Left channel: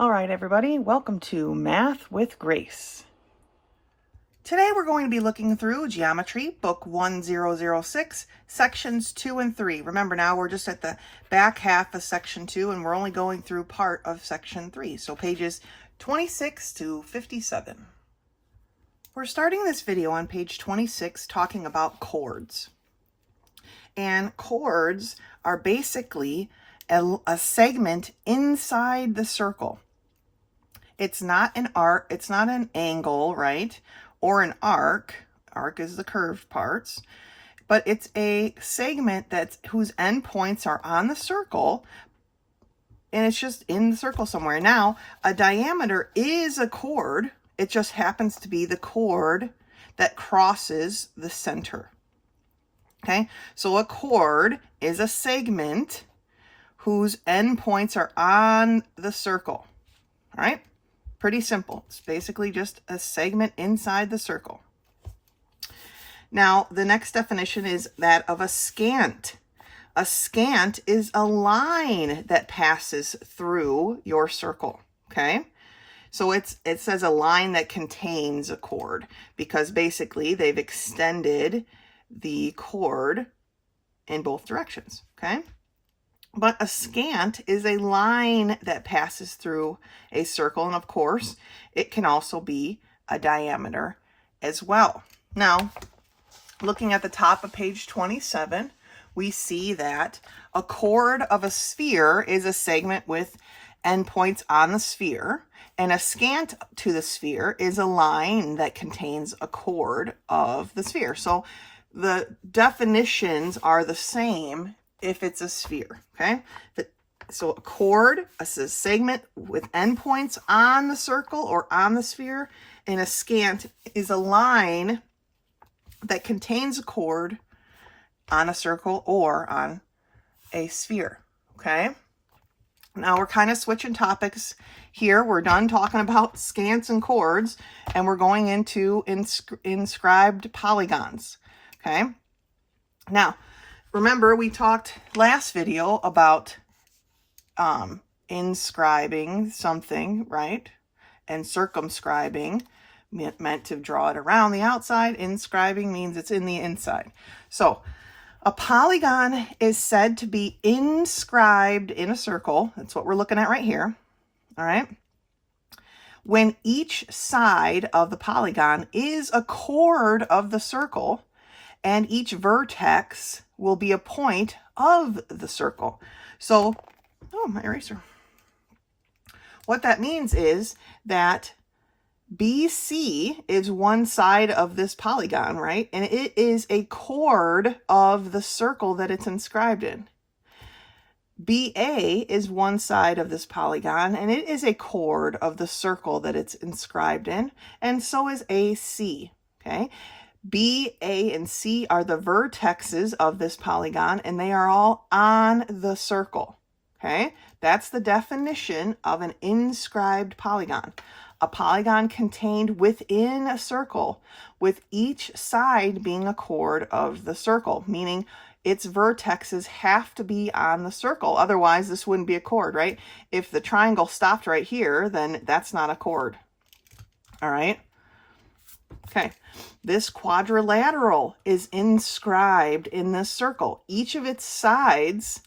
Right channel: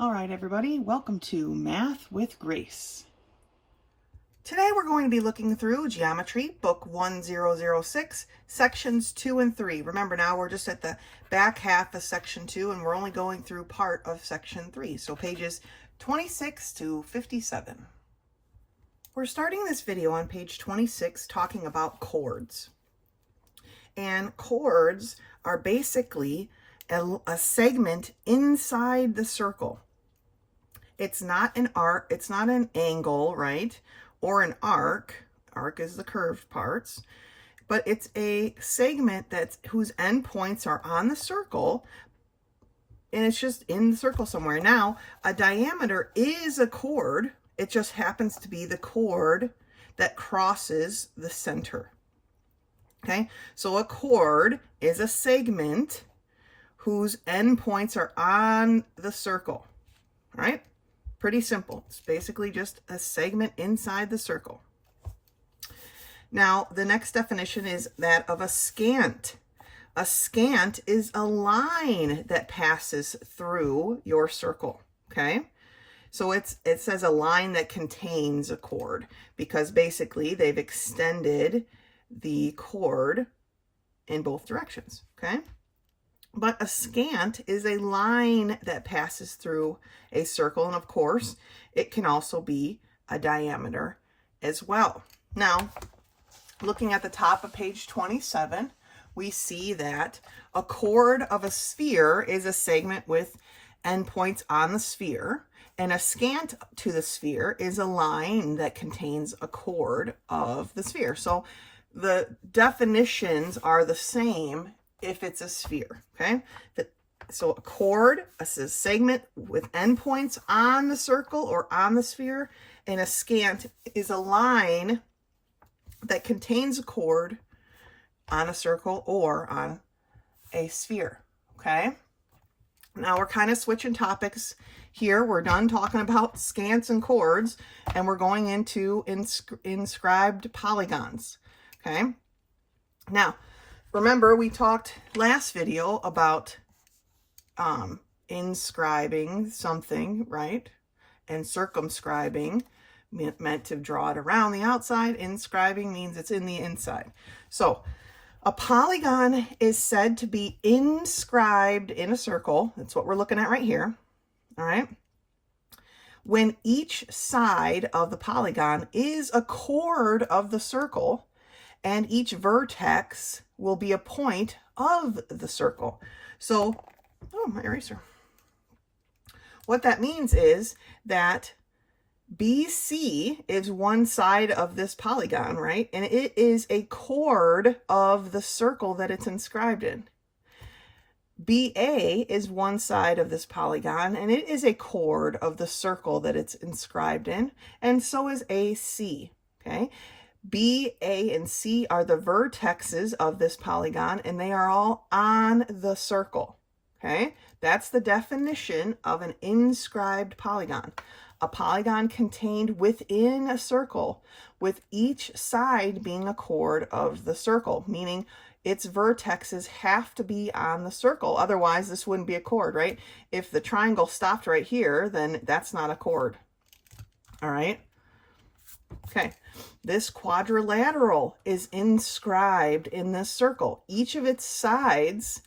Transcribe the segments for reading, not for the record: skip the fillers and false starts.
All right, everybody, welcome to Math with Grace. Today we're going to be looking through Geometry, Book 1006, Sections 2 and 3. Remember now we're just at the back half of Section 2 and we're only going through part of Section 3, so pages 26 to 57. We're starting this video on page 26 talking about chords. And chords are basically a segment inside the circle. It's not an arc, it's not an angle, right? Or an arc. Arc is the curved parts. But it's a segment whose endpoints are on the circle, and it's just in the circle somewhere. Now, a diameter is a chord. It just happens to be the chord that crosses the center. Okay, so a chord is a segment whose endpoints are on the circle. All right? Pretty simple. It's basically just a segment inside the circle. Now, the next definition is that of a scant. A scant is a line that passes through your circle, okay? So it says a line that contains a chord because basically they've extended the chord in both directions, okay? But a scant is a line that passes through a circle, and of course, it can also be a diameter as well. Now, looking at the top of page 27, we see that a chord of a sphere is a segment with endpoints on the sphere, and a scant to the sphere is a line that contains a chord of the sphere. So the definitions are the same if it's a sphere, okay? So a chord is a segment with endpoints on the circle or on the sphere, and a scant is a line that contains a chord on a circle or on a sphere, okay? Now we're kind of switching topics here. We're done talking about scants and chords, and we're going into inscribed polygons, okay? Now, remember, we talked last video about inscribing something, right? And circumscribing meant to draw it around the outside. Inscribing means it's in the inside. So a polygon is said to be inscribed in a circle. That's what we're looking at right here. All right. When each side of the polygon is a chord of the circle, and each vertex will be a point of the circle. So, oh, my eraser. What that means is that BC is one side of this polygon, right? And it is a chord of the circle that it's inscribed in. BA is one side of this polygon, and it is a chord of the circle that it's inscribed in. And so is AC, okay? B, A, and C are the vertexes of this polygon, and they are all on the circle, okay? That's the definition of an inscribed polygon. A polygon contained within a circle, with each side being a chord of the circle, meaning its vertexes have to be on the circle. Otherwise, this wouldn't be a chord, right? If the triangle stopped right here, then that's not a chord, all right? Okay, this quadrilateral is inscribed in this circle. Each of its sides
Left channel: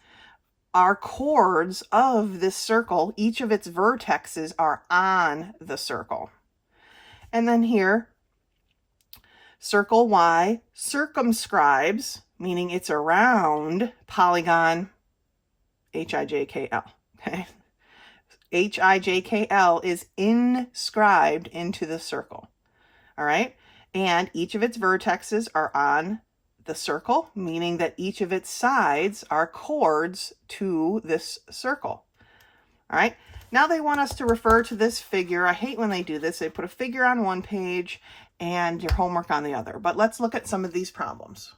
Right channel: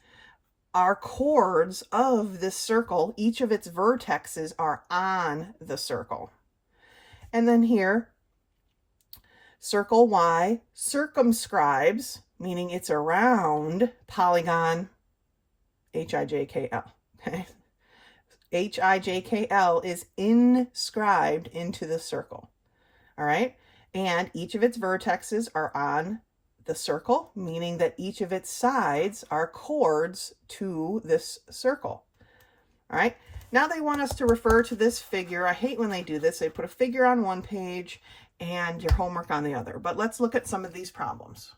are chords of this circle. Each of its vertexes are on the circle. And then here, circle Y circumscribes, meaning it's around polygon HIJKL. Okay, HIJKL is inscribed into the circle. All right, and each of its vertexes are on the circle, meaning that each of its sides are chords to this circle. All right, now they want us to refer to this figure. I hate when they do this. They put a figure on one page and your homework on the other. But let's look at some of these problems.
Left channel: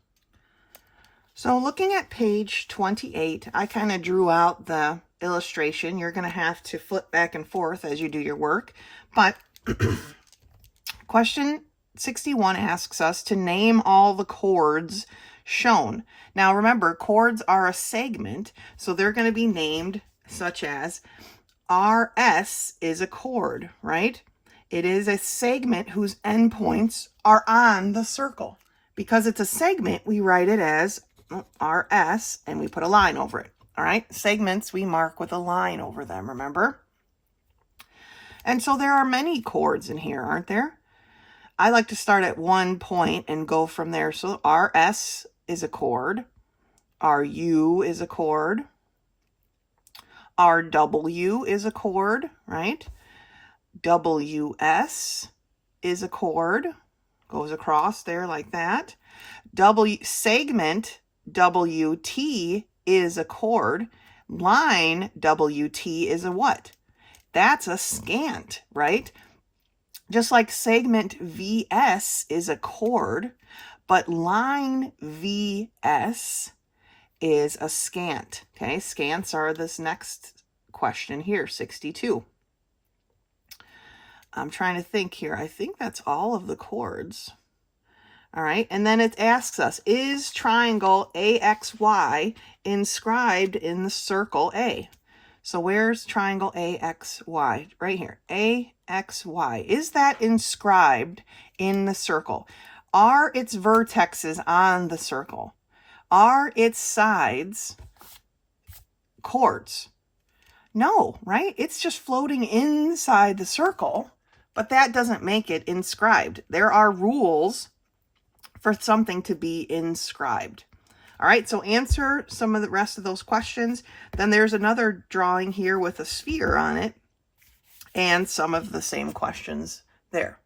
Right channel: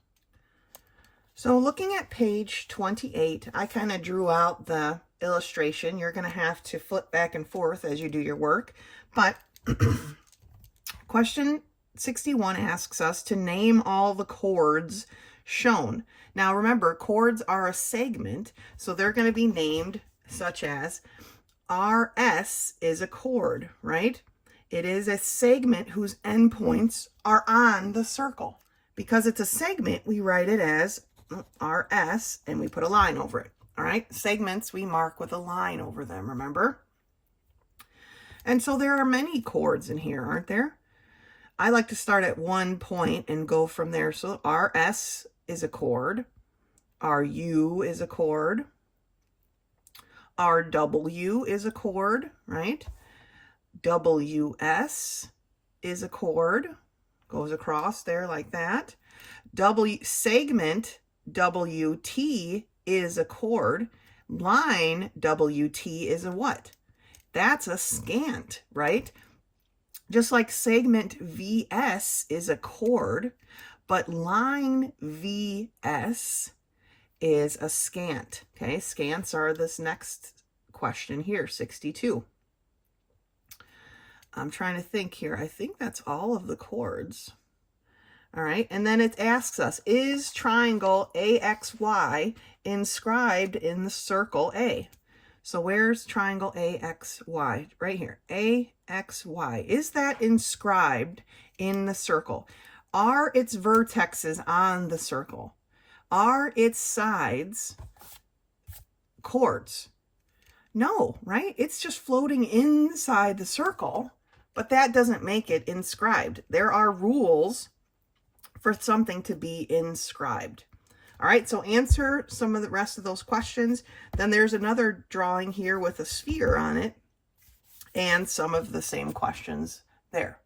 So looking at page 28, I kind of drew out the illustration. You're going to have to flip back and forth as you do your work. But question 61 asks us to name all the chords shown. Now remember, chords are a segment, so they're going to be named such as RS is a chord, right? It is a segment whose endpoints are on the circle. Because it's a segment, we write it as RS and we put a line over it. All right, segments we mark with a line over them, remember? And so there are many chords in here, aren't there? I like to start at one point and go from there. So RS is a chord. RU is a chord. RW is a chord, right? WS is a chord. Goes across there like that. Segment WT is a chord. Line WT is a what? That's a scant, right? Just like segment VS is a chord, but line VS is a scant. Okay, scants are this next question here, 62. I'm trying to think here. I think that's all of the chords. All right, and then it asks us, is triangle AXY inscribed in the circle A? So where's triangle AXY? Right here, AXY. Is that inscribed in the circle? Are its vertexes on the circle? Are its sides chords? No, right? It's just floating inside the circle, but that doesn't make it inscribed. There are rules for something to be inscribed. All right, so answer some of the rest of those questions. Then there's another drawing here with a sphere on it and some of the same questions there.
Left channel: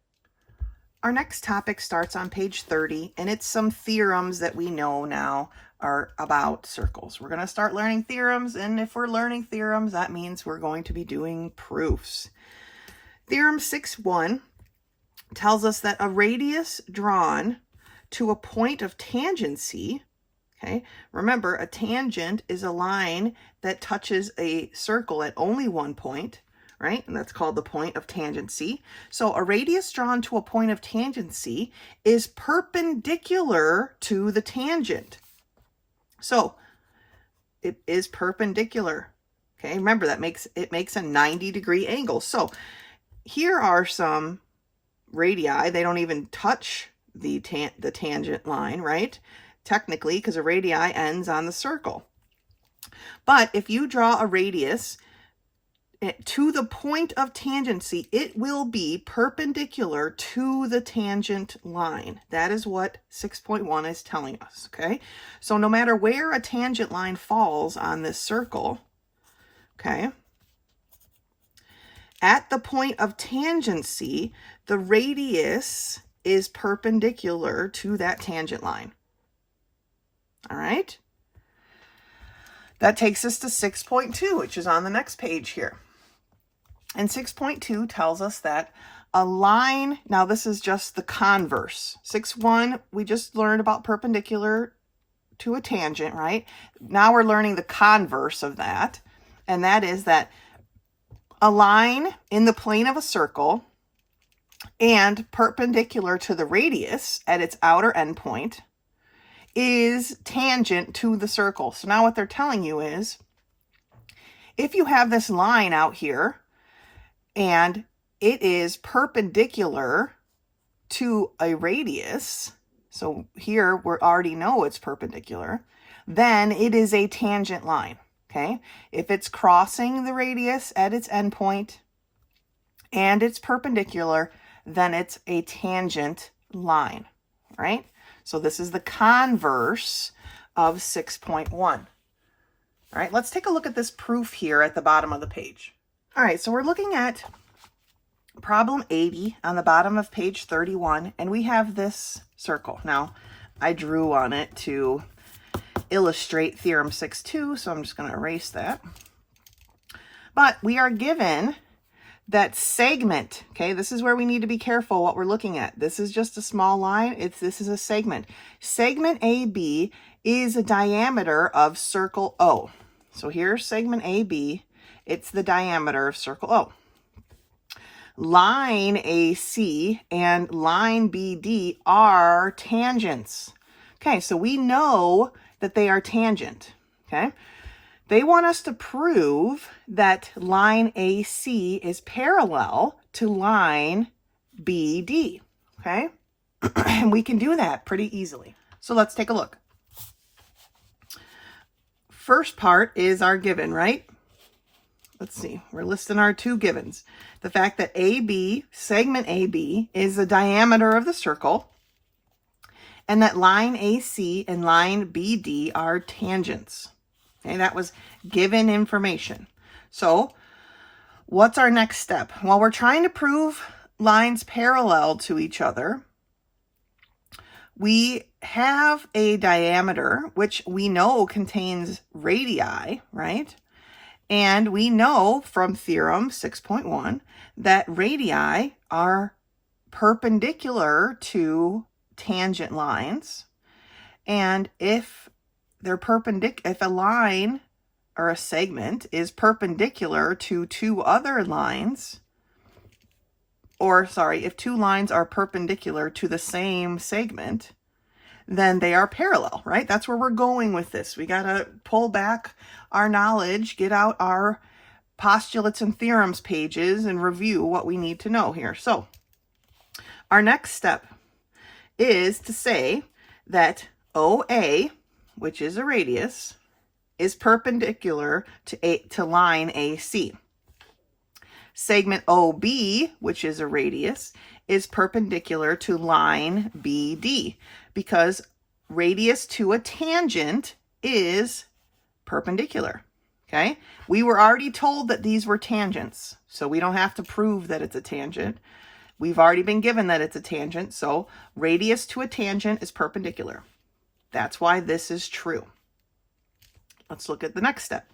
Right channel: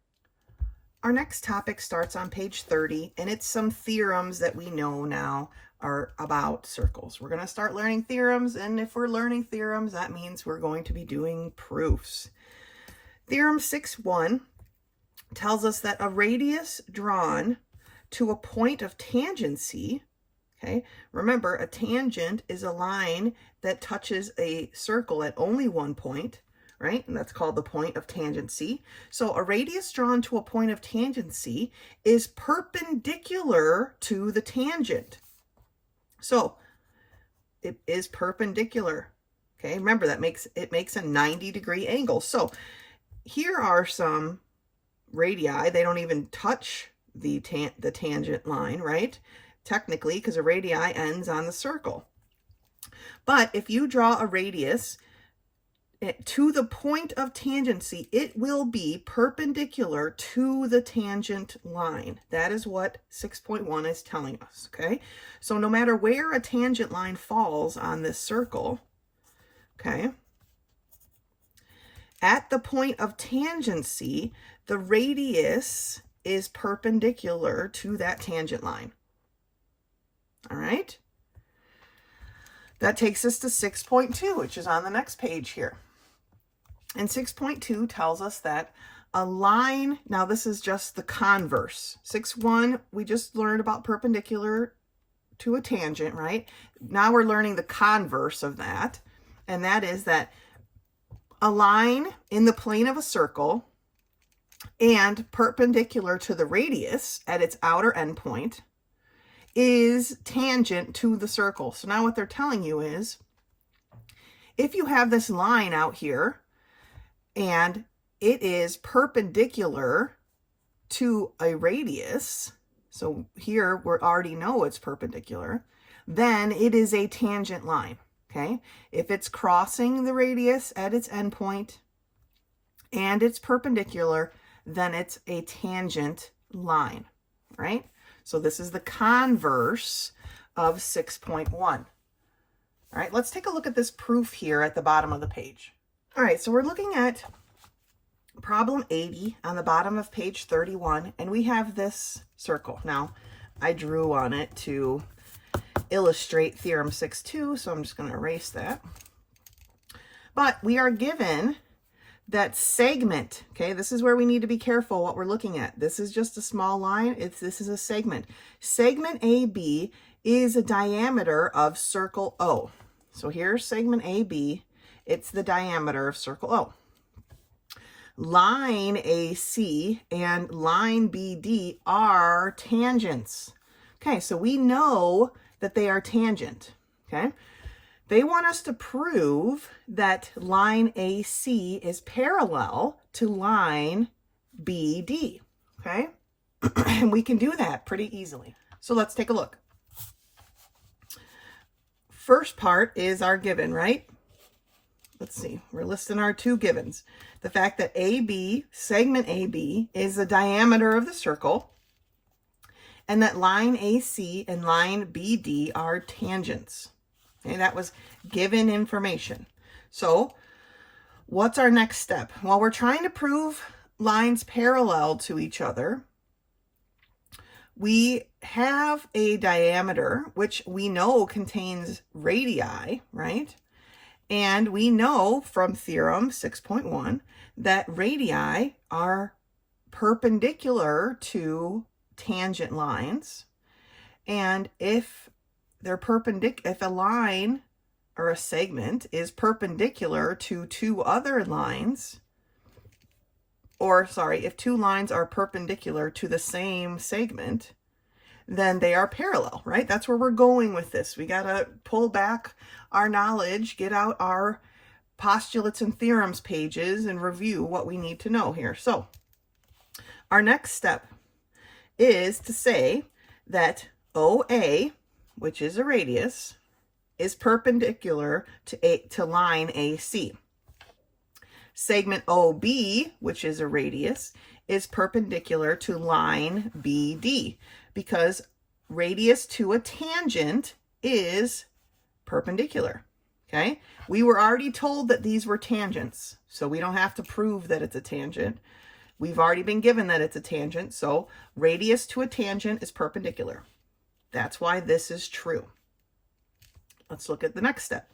Our next topic starts on page 30, and it's some theorems that we know now are about circles. We're going to start learning theorems, and if we're learning theorems, that means we're going to be doing proofs. Theorem 6.1 tells us that a radius drawn to a point of tangency, okay, remember a tangent is a line that touches a circle at only one point, right? And that's called the point of tangency. So a radius drawn to a point of tangency is perpendicular to the tangent. So it is perpendicular. Okay, remember that it makes a 90-degree angle. So here are some radii. They don't even touch the tangent line, right? Technically, because a radii ends on the circle. But if you draw a radius to the point of tangency, it will be perpendicular to the tangent line. That is what 6.1 is telling us, okay? So no matter where a tangent line falls on this circle, okay, at the point of tangency, the radius is perpendicular to that tangent line. All right? That takes us to 6.2, which is on the next page here. And 6.2 tells us that a line, now this is just the converse. 6.1, we just learned about perpendicular to a tangent, right? Now we're learning the converse of that, and that is that a line in the plane of a circle and perpendicular to the radius at its outer endpoint is tangent to the circle. So now what they're telling you is, if you have this line out here and it is perpendicular to a radius, so here we already know it's perpendicular, then it is a tangent line, okay? If it's crossing the radius at its endpoint and it's perpendicular, then it's a tangent line, right? So this is the converse of 6.1. All right, let's take a look at this proof here at the bottom of the page. All right, so we're looking at problem 80 on the bottom of page 31, and we have this circle. Now, I drew on it to illustrate Theorem 6.2, so I'm just going to erase that. But we are given that segment, okay, this is where we need to be careful what we're looking at. This is just a small line. This is a segment. Segment AB is a diameter of circle O. So here's segment AB. It's the diameter of circle O. Line AC and line BD are tangents. Okay, so we know that they are tangent, okay? They want us to prove that line AC is parallel to line BD, okay? And we can do that pretty easily. So let's take a look. First part is our given, right? Let's see, we're listing our two givens. The fact that AB, segment AB, is the diameter of the circle, and that line AC and line BD are tangents. Okay, that was given information. So what's our next step? Well, we're trying to prove lines parallel to each other. We have a diameter, which we know contains radii, right? And we know from Theorem 6.1 that radii are perpendicular to tangent lines. And if they're perpendicular, if a line or a segment is perpendicular to two other lines, or sorry, if two lines are perpendicular to the same segment, then they are parallel, right? That's where we're going with this. We got to pull back our knowledge, get out our postulates and theorems pages, and review what we need to know here. So our next step is to say that OA, which is a radius, is perpendicular to line AC. Segment OB, which is a radius, is perpendicular to line BD, because radius to a tangent is perpendicular, okay? We were already told that these were tangents, so we don't have to prove that it's a tangent. We've already been given that it's a tangent, so radius to a tangent is perpendicular. That's why this is true. Let's look at the next step,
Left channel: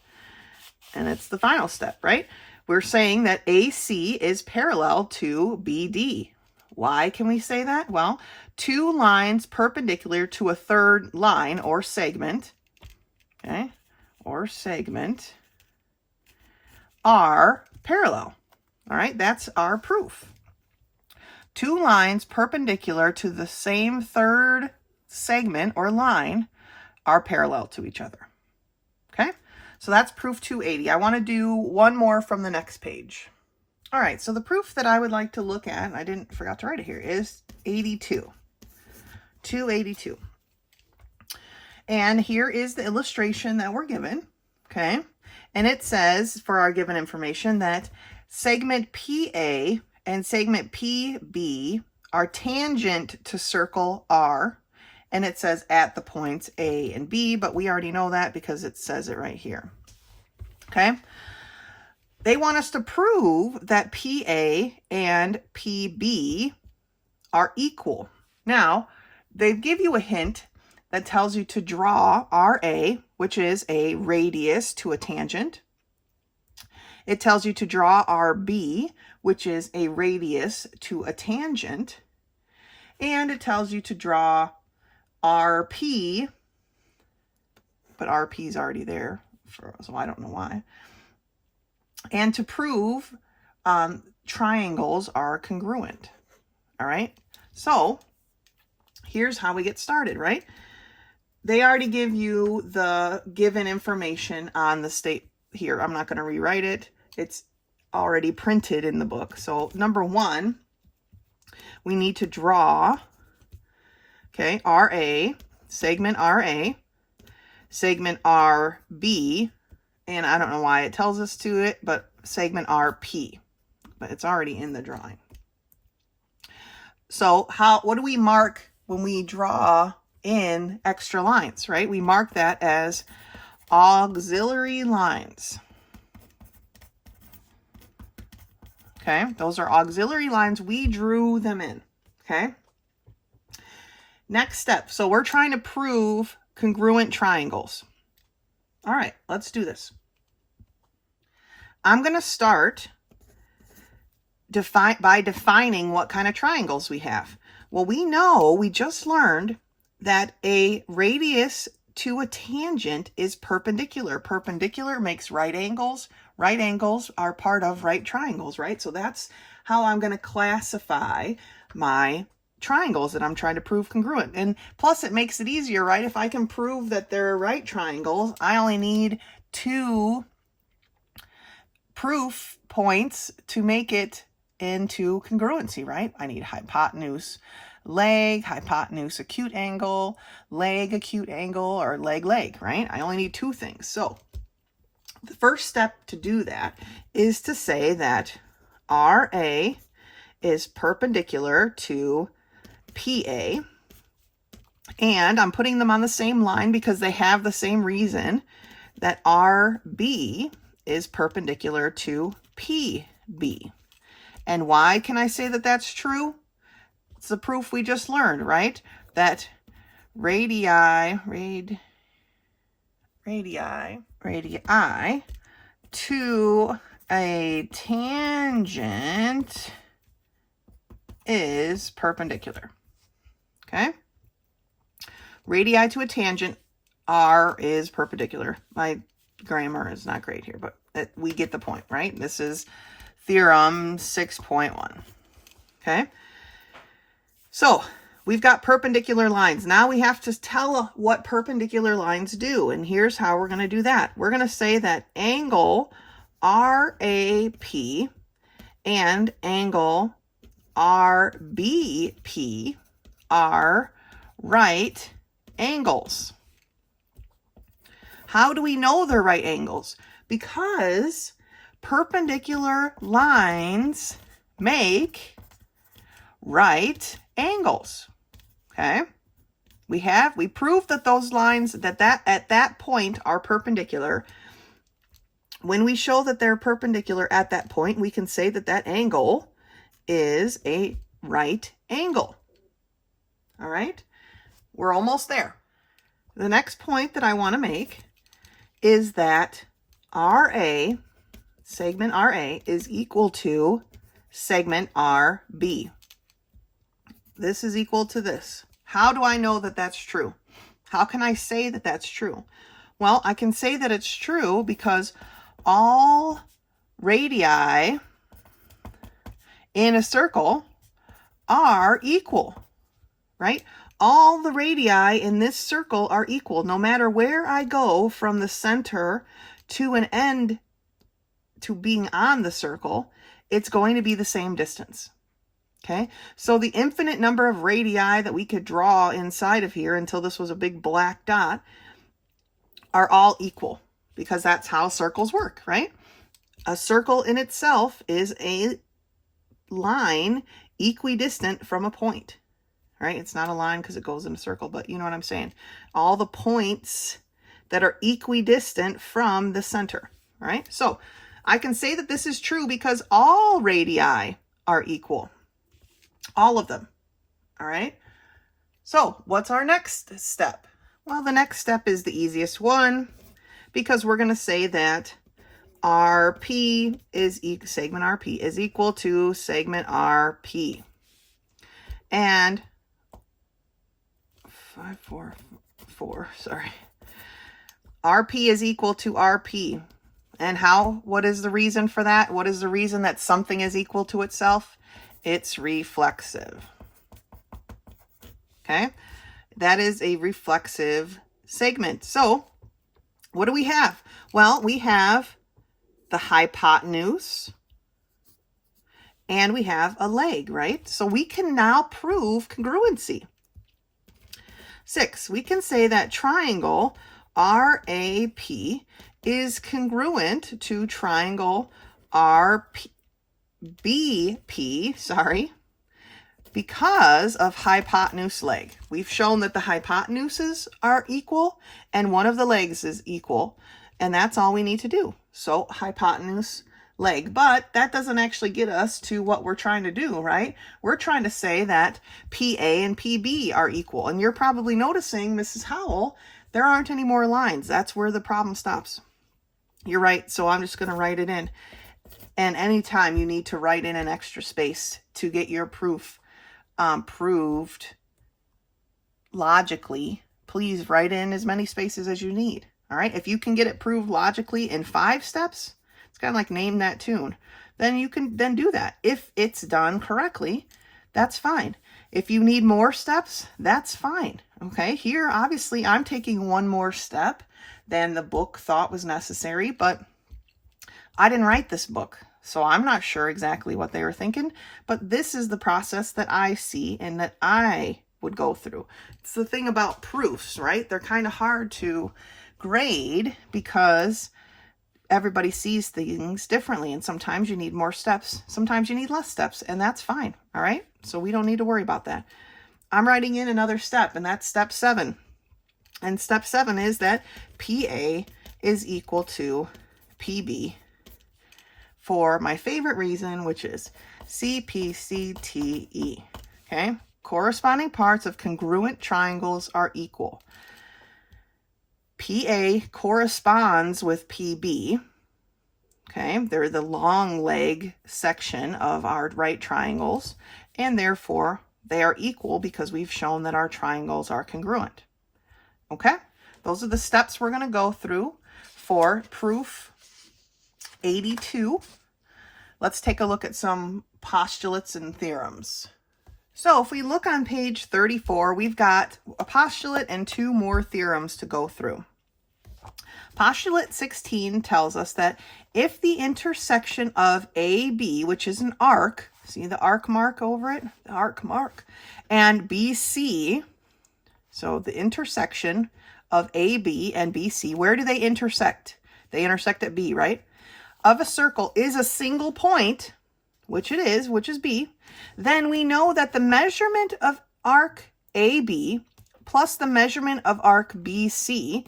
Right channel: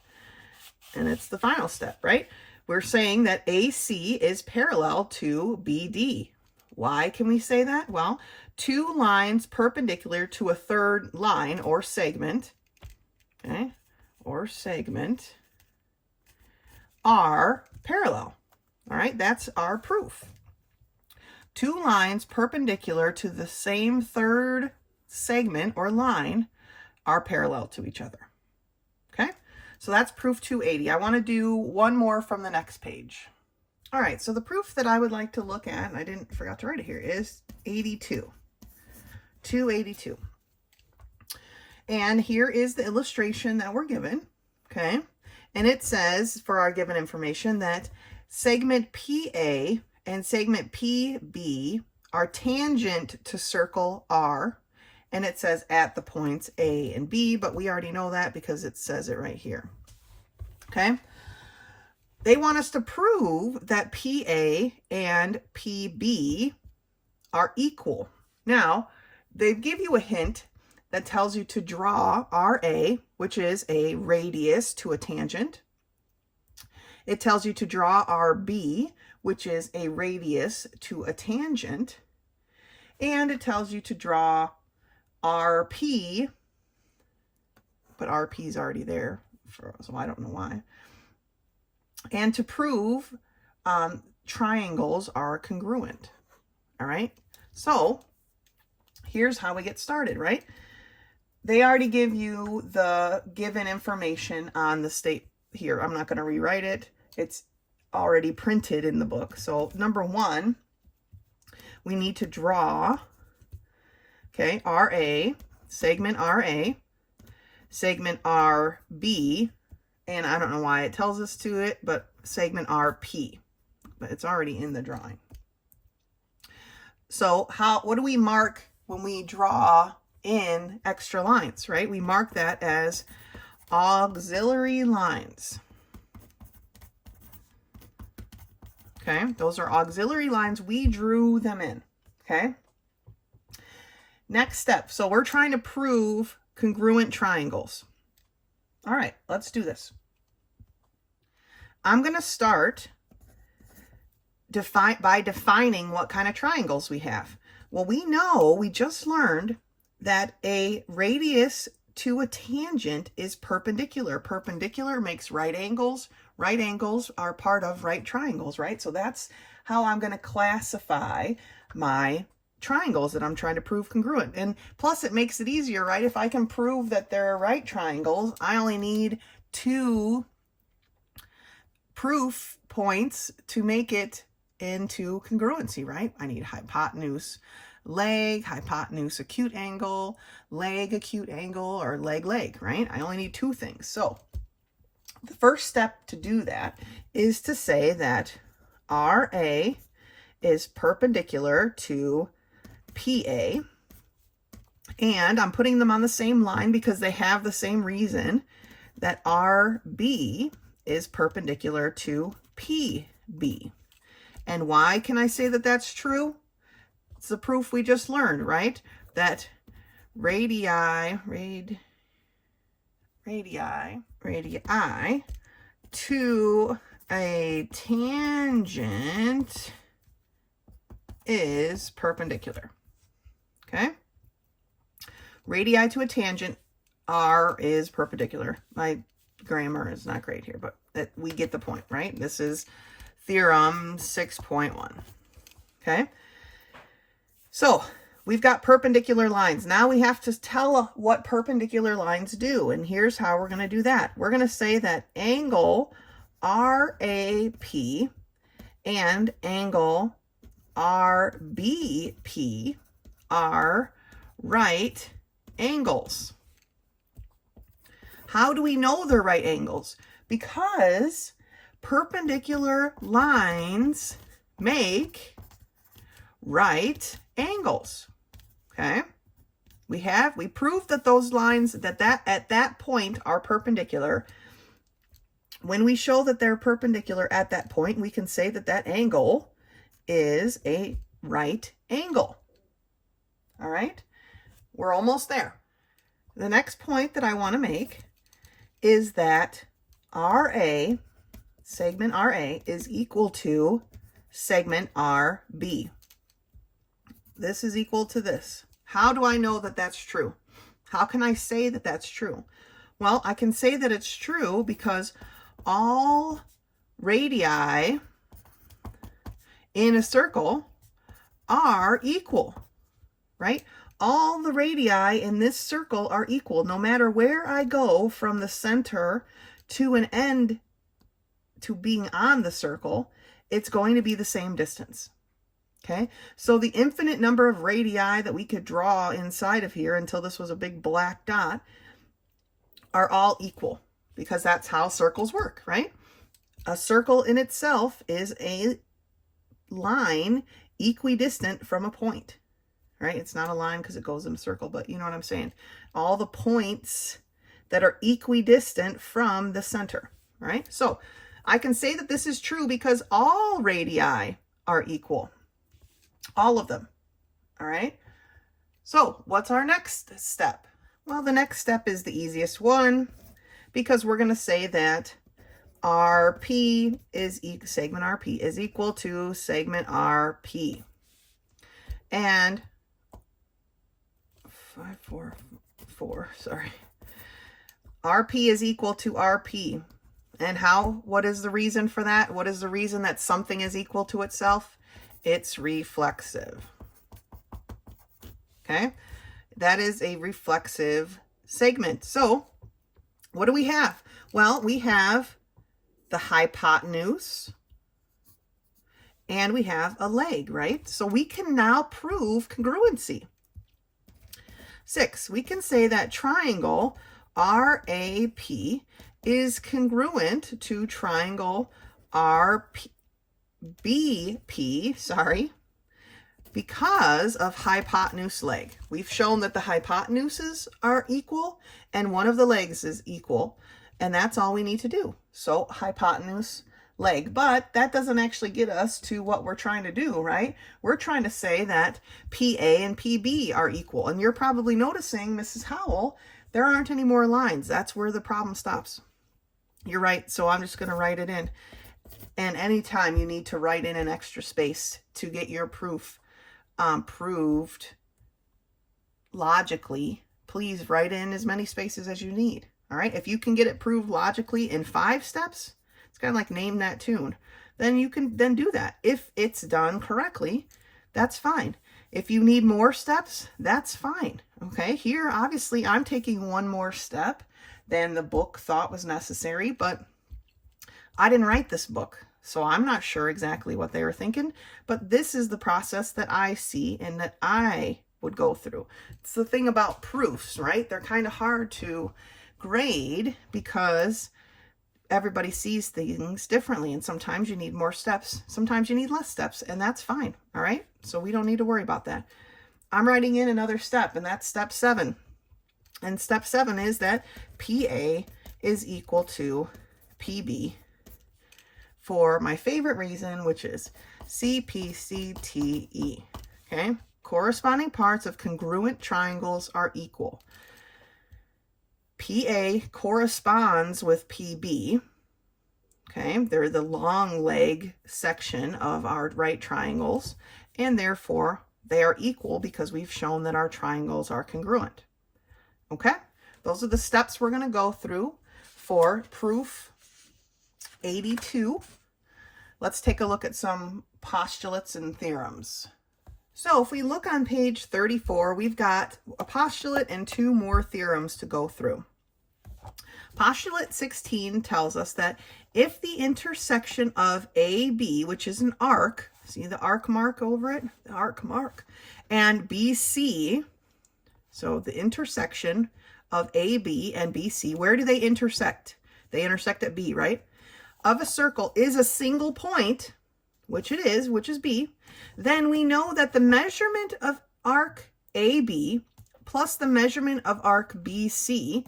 and it's the final step, right? We're saying that AC is parallel to BD. Why can we say that? Well, two lines perpendicular to a third line or segment, okay, or segment, are parallel. All right, that's our proof. Two lines perpendicular to the same third segment or line are parallel to each other. Okay, so that's proof 280. I want to do one more from the next page. All right, so the proof that I would like to look at, and I forgot to write it here, is 82. 282. And here is the illustration that we're given, okay? And it says, for our given information, that segment PA and segment PB are tangent to circle R, and it says at the points A and B, but we already know that because it says it right here, okay? They want us to prove that PA and PB are equal. Now, they give you a hint that tells you to draw RA, which is a radius to a tangent. It tells you to draw RB, which is a radius to a tangent. And it tells you to draw RP, but RP is already there, so I don't know why. And to prove triangles are congruent. All right, so here's how we get started, right? They already give you the given information on the state here. I'm not going to rewrite it. It's already printed in the book. So number one, we need to draw, okay, RA, segment RB, and I don't know why it tells us to it, but segment RP, but it's already in the drawing. So what do we mark when we draw in extra lines, right? We mark that as auxiliary lines. Okay, those are auxiliary lines. We drew them in, okay? Next step. So we're trying to prove congruent triangles. All right, let's do this. I'm going to start by defining what kind of triangles we have. Well, we just learned that a radius to a tangent is perpendicular. Perpendicular makes right angles. Right angles are part of right triangles, right? So that's how I'm going to classify my triangles that I'm trying to prove congruent. And plus it makes it easier, right? If I can prove that they're right triangles, I only need 2 proof points to make it into congruency, right? I need hypotenuse leg, hypotenuse acute angle, leg acute angle, or leg leg, right? I only need 2 things. So the first step to do that is to say that RA is perpendicular to PA, and I'm putting them on the same line because they have the same reason that RB is perpendicular to PB. And why can I say that that's true? It's the proof we just learned, right? That radii to a tangent is perpendicular. Okay? Radii to a tangent, R is perpendicular. My grammar is not great here, but we get the point, right? This is Theorem 6.1. Okay? So we've got perpendicular lines. Now we have to tell what perpendicular lines do. And here's how we're going to do that. We're going to say that angle RAP and angle RBP are right angles. How do we know they're right angles? Because perpendicular lines make right angles. Okay? We proved that those lines at that point are perpendicular. When we show that they're perpendicular at that point, we can say that that angle is a right angle. All right? We're almost there. The next point that I want to make is that RA, segment RA, is equal to segment RB. This is equal to this. How do I know that that's true? How can I say that that's true? Well, I can say that it's true because all radii in a circle are equal, right? All the radii in this circle are equal. No matter where I go from the center to an end to being on the circle, it's going to be the same distance. Okay, so the infinite number of radii that we could draw inside of here until this was a big black dot are all equal, because that's how circles work, right? A circle in itself is a line equidistant from a point, right? It's not a line because it goes in a circle, but you know what I'm saying. All the points that are equidistant from the center, right? So I can say that this is true because all radii are equal. All of them. All right. So what's our next step? Well, the next step is the easiest one, because we're going to say that RP is segment RP is equal to segment RP. And 544, sorry. RP is equal to RP. And what is the reason for that? What is the reason that something is equal to itself? It's reflexive. Okay? That is a reflexive segment. So, what do we have? Well, we have the hypotenuse and we have a leg, right? So we can now prove congruency. 6, we can say that triangle RAP is congruent to triangle RBP, because of hypotenuse leg. We've shown that the hypotenuses are equal and one of the legs is equal, and that's all we need to do. So hypotenuse leg, but that doesn't actually get us to what we're trying to do, right? We're trying to say that PA and PB are equal, and you're probably noticing, Mrs. Howell, there aren't any more lines. That's where the problem stops. You're right, so I'm just going to write it in. And anytime you need to write in an extra space to get your proof proved logically, please write in as many spaces as you need. All right. If you can get it proved logically in 5 steps, it's kind of like name that tune. Then you can then do that. If it's done correctly, that's fine. If you need more steps, that's fine. Okay, here obviously I'm taking one more step than the book thought was necessary, but I didn't write this book, so I'm not sure exactly what they were thinking, but this is the process that I see and that I would go through. It's the thing about proofs, right? They're kind of hard to grade because everybody sees things differently, and sometimes you need more steps, sometimes you need less steps, and that's fine. All right, so we don't need to worry about that. I'm writing in another step, and that's step 7. And step 7 is that PA is equal to PB for my favorite reason, which is CPCTE. Okay, corresponding parts of congruent triangles are equal. PA corresponds with PB. Okay, they're the long leg section of our right triangles, and therefore they are equal because we've shown that our triangles are congruent. Okay, those are the steps we're going to go through for proof 82. Let's take a look at some postulates and theorems. So if we look on page 34, we've got a postulate and 2 more theorems to go through. Postulate 16 tells us that if the intersection of AB, which is an arc, see the arc mark over it, the arc mark, and BC, so the intersection of AB and BC, where do they intersect? They intersect at B, right? Of a circle is a single point, which it is, which is B, then we know that the measurement of arc AB plus the measurement of arc BC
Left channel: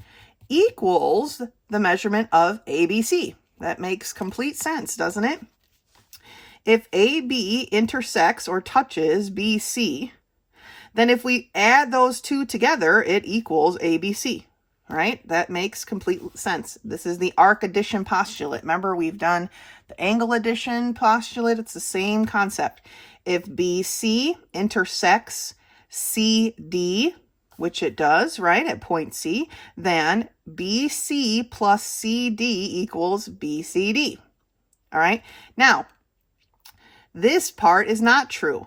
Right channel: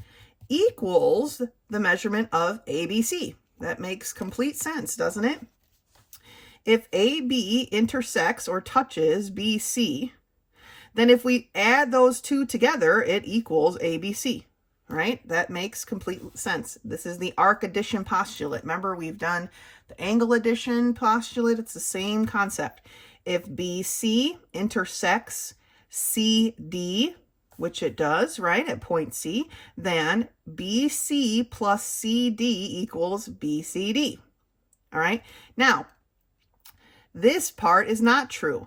equals the measurement of ABC. That makes complete sense, doesn't it? If AB intersects or touches BC, then if we add those two together, it equals ABC, right? That makes complete sense. This is the arc addition postulate. Remember, we've done the angle addition postulate. It's the same concept. If BC intersects CD, which it does, right, at point C, then BC plus CD equals BCD. All right. Now, this part is not true.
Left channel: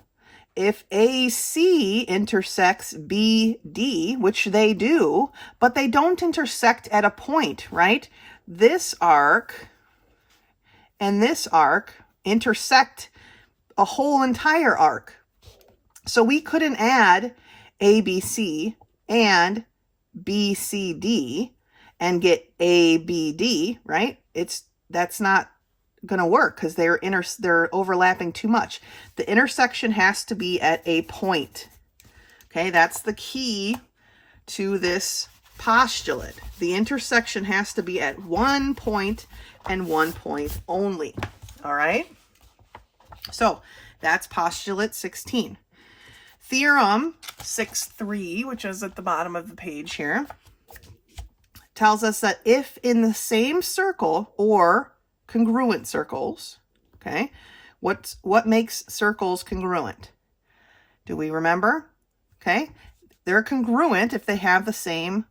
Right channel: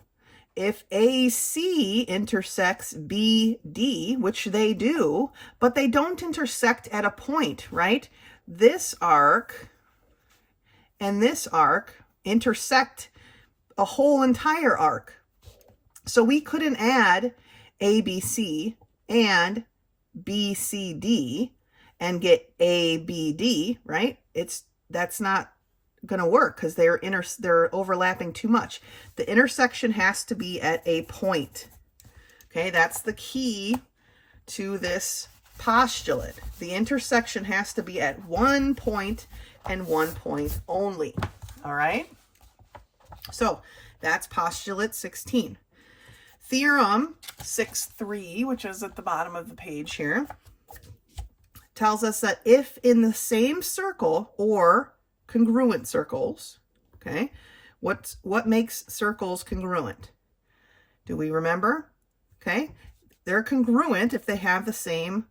If AC intersects BD, which they do, but they don't intersect at a point, right? This arc and this arc intersect a whole entire arc. So we couldn't add ABC and BCD and get ABD, right? That's not going to work because they're overlapping too much. The intersection has to be at a point. Okay, that's the key to this postulate. The intersection has to be at one point and one point only. All right? So that's postulate 16. Theorem 6.3, which is at the bottom of the page here, tells us that if in the same circle or congruent circles, okay, what makes circles congruent? Do we remember? Okay, they're congruent if they have the same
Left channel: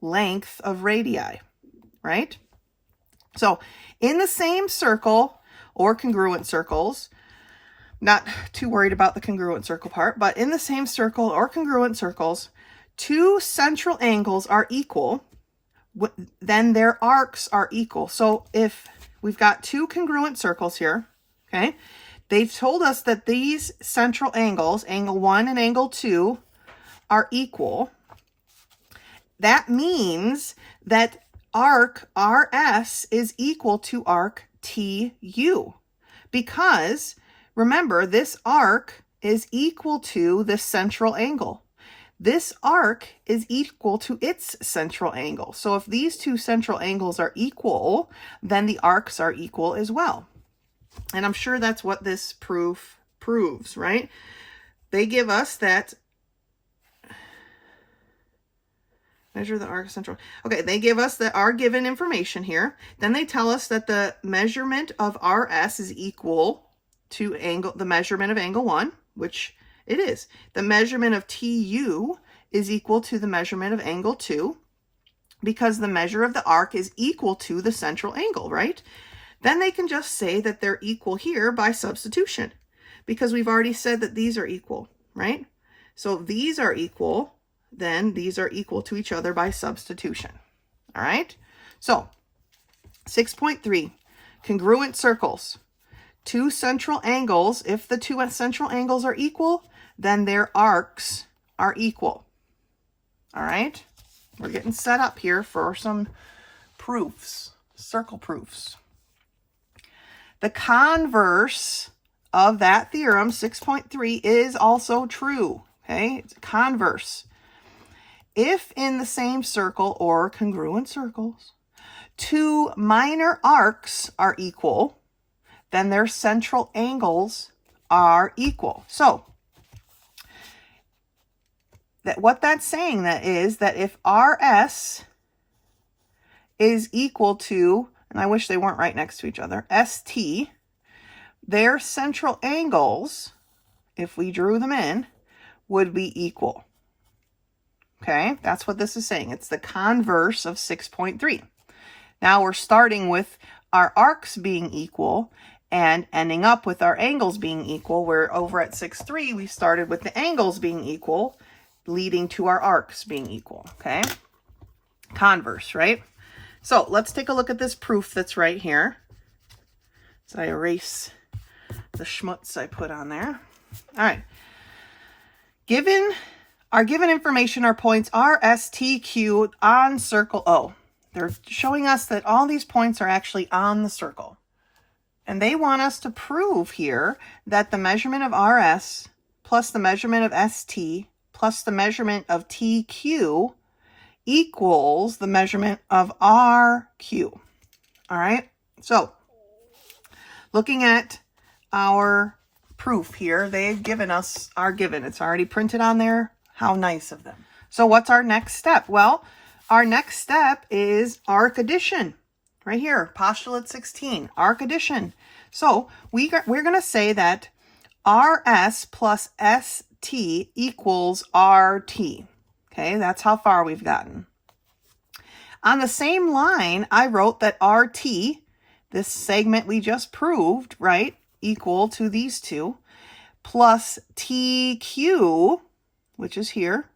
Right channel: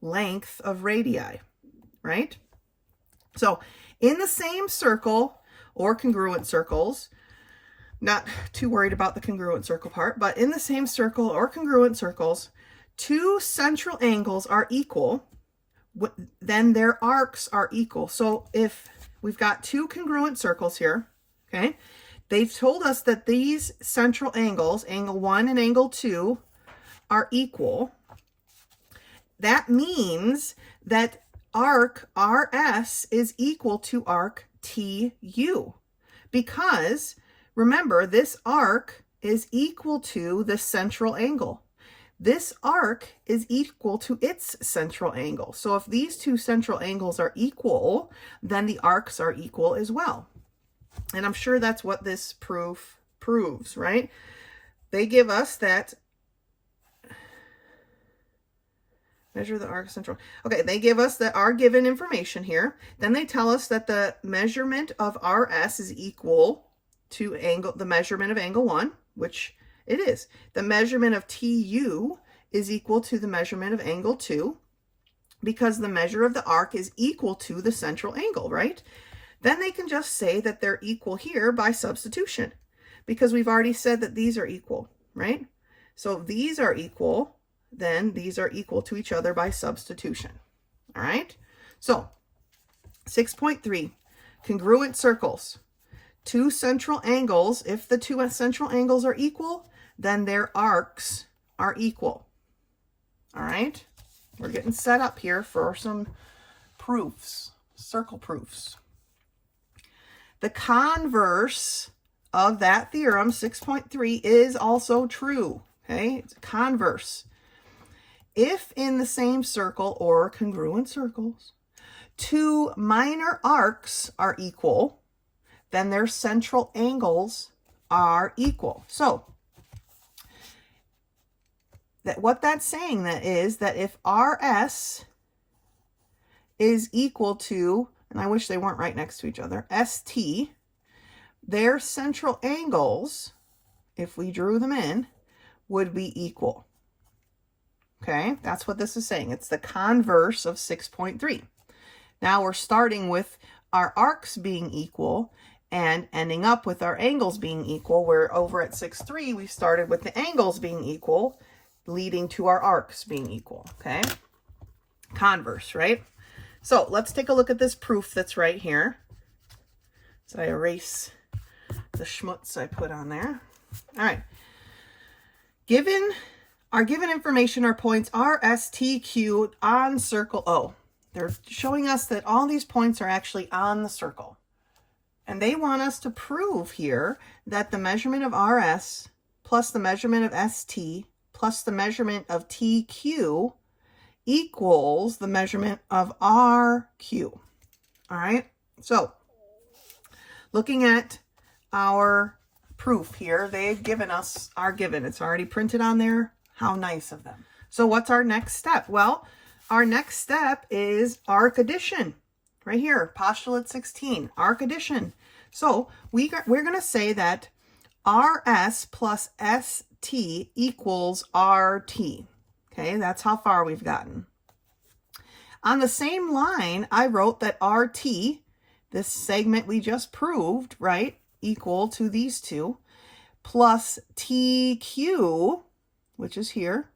length of radii, right? So in the same circle or congruent circles, not too worried about the congruent circle part, but in the same circle or congruent circles, 2 central angles are equal, then their arcs are equal. So if we've got 2 congruent circles here, okay, they've told us that these central angles, angle 1 and angle 2, are equal. That means that arc RS is equal to arc TU, because remember, this arc is equal to the central angle. This arc is equal to its central angle. So if these 2 central angles are equal, then the arcs are equal as well. And I'm sure that's what this proof proves, right? They give us that measure the arc central. Okay, they give us that our given information here. Then they tell us that the measurement of RS is equal to the measurement of angle 1, which it is. The measurement of TU is equal to the measurement of angle 2, because the measure of the arc is equal to the central angle, right? Then they can just say that they're equal here by substitution, because we've already said that these are equal, right? So if these are equal, then these are equal to each other by substitution. All right? So 6.3, congruent circles. Two central angles, if the two central angles are equal, then their arcs are equal. All right? We're getting set up here for some proofs, circle proofs. The converse of that theorem, 6.3, is also true. Okay? It's a converse. If in the same circle or congruent circles, two minor arcs are equal, then their central angles are equal. So what that's saying that is that if RS is equal to, and I wish they weren't right next to each other, ST, their central angles, if we drew them in, would be equal. Okay, that's what this is saying. It's the converse of 6.3. Now we're starting with our arcs being equal and ending up with our angles being equal, where over at 6.3 we started with the angles being equal, leading to our arcs being equal. Okay, converse, right? So let's take a look at this proof that's right here. So I erase the schmutz I put on there. All right. Given information are points R, S, T, Q on circle O. They're showing us that all these points are actually on the circle. And they want us to prove here that the measurement of RS plus the measurement of ST plus the measurement of TQ equals the measurement of RQ. All right. So looking at our proof here, they've given us our given. It's already printed on there. How nice of them. So what's our next step? Well, our next step is arc addition. Right here, postulate 16, arc addition. So we're going to say that RS plus ST equals RT. Okay, that's how far we've gotten. On the same line, I wrote that RT, this segment we just proved, right, equal to these two, plus TQ, which is here,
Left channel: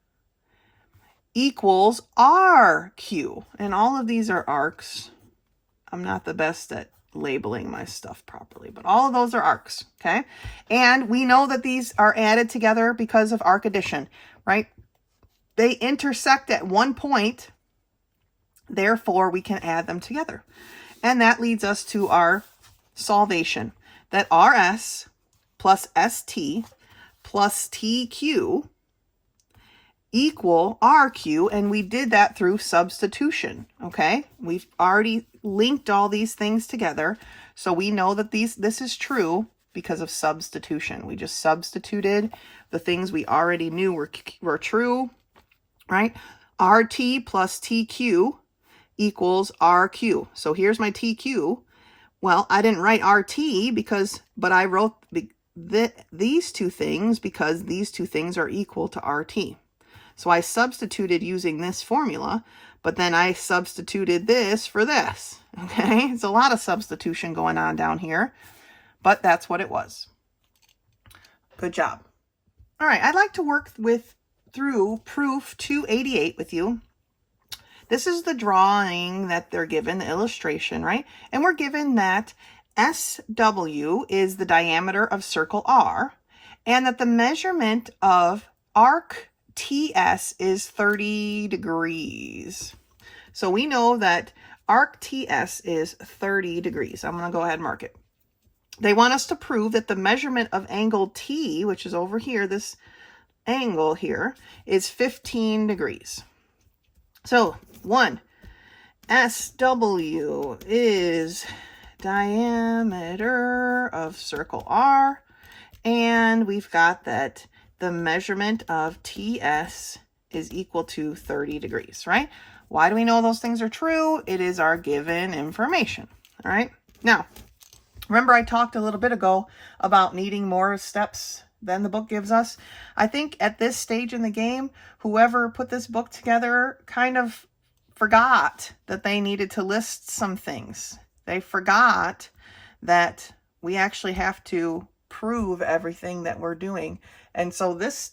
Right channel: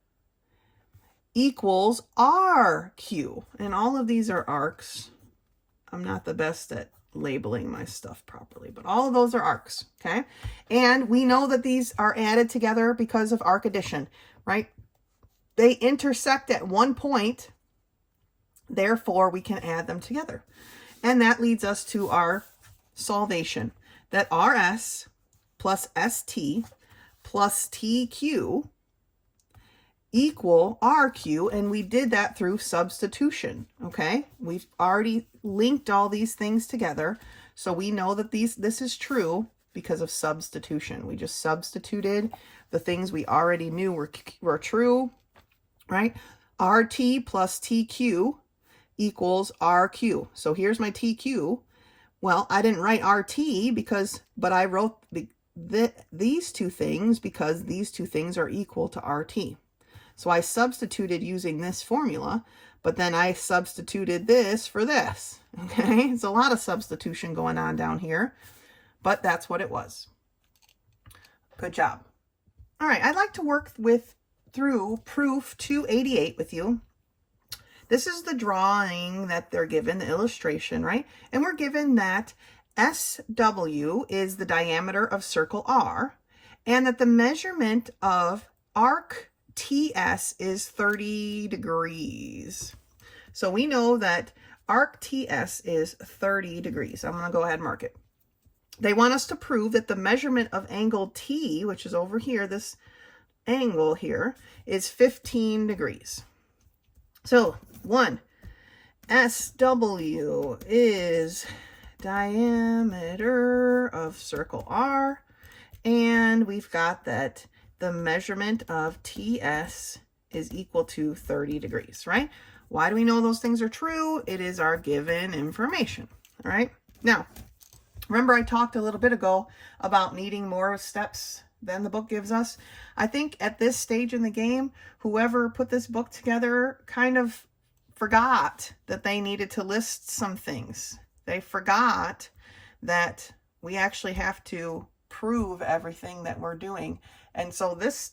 equals RQ. And all of these are arcs. I'm not the best at labeling my stuff properly, but all of those are arcs, okay? And we know that these are added together because of arc addition, right? They intersect at one point, therefore we can add them together. And that leads us to our solvation, that RS plus ST plus TQ equal RQ, and we did that through substitution, okay? We've already linked all these things together, so we know that this is true because of substitution. We just substituted the things we already knew were true, right? RT plus TQ equals RQ. So here's my TQ. Well, I didn't write RT but I wrote these two things because these two things are equal to RT. So I substituted using this formula, but then I substituted this for this, okay? It's a lot of substitution going on down here, but that's what it was. Good job. All right, I'd like to work through proof 288 with you. This is the drawing that they're given, the illustration, right? And we're given that SW is the diameter of circle R, and that the measurement of arc TS is 30 degrees. So we know that arc TS is 30 degrees. I'm going to go ahead and mark it. They want us to prove that the measurement of angle T, which is over here, this angle here, is 15 degrees. So 1, SW is diameter of circle R, and we've got that the measurement of TS is equal to 30 degrees, right? Why do we know those things are true? It is our given information, all right? Now, remember I talked a little bit ago about needing more steps than the book gives us? I think at this stage in the game, whoever put this book together kind of forgot that they needed to list some things. They forgot that we actually have to prove everything that we're doing. And so this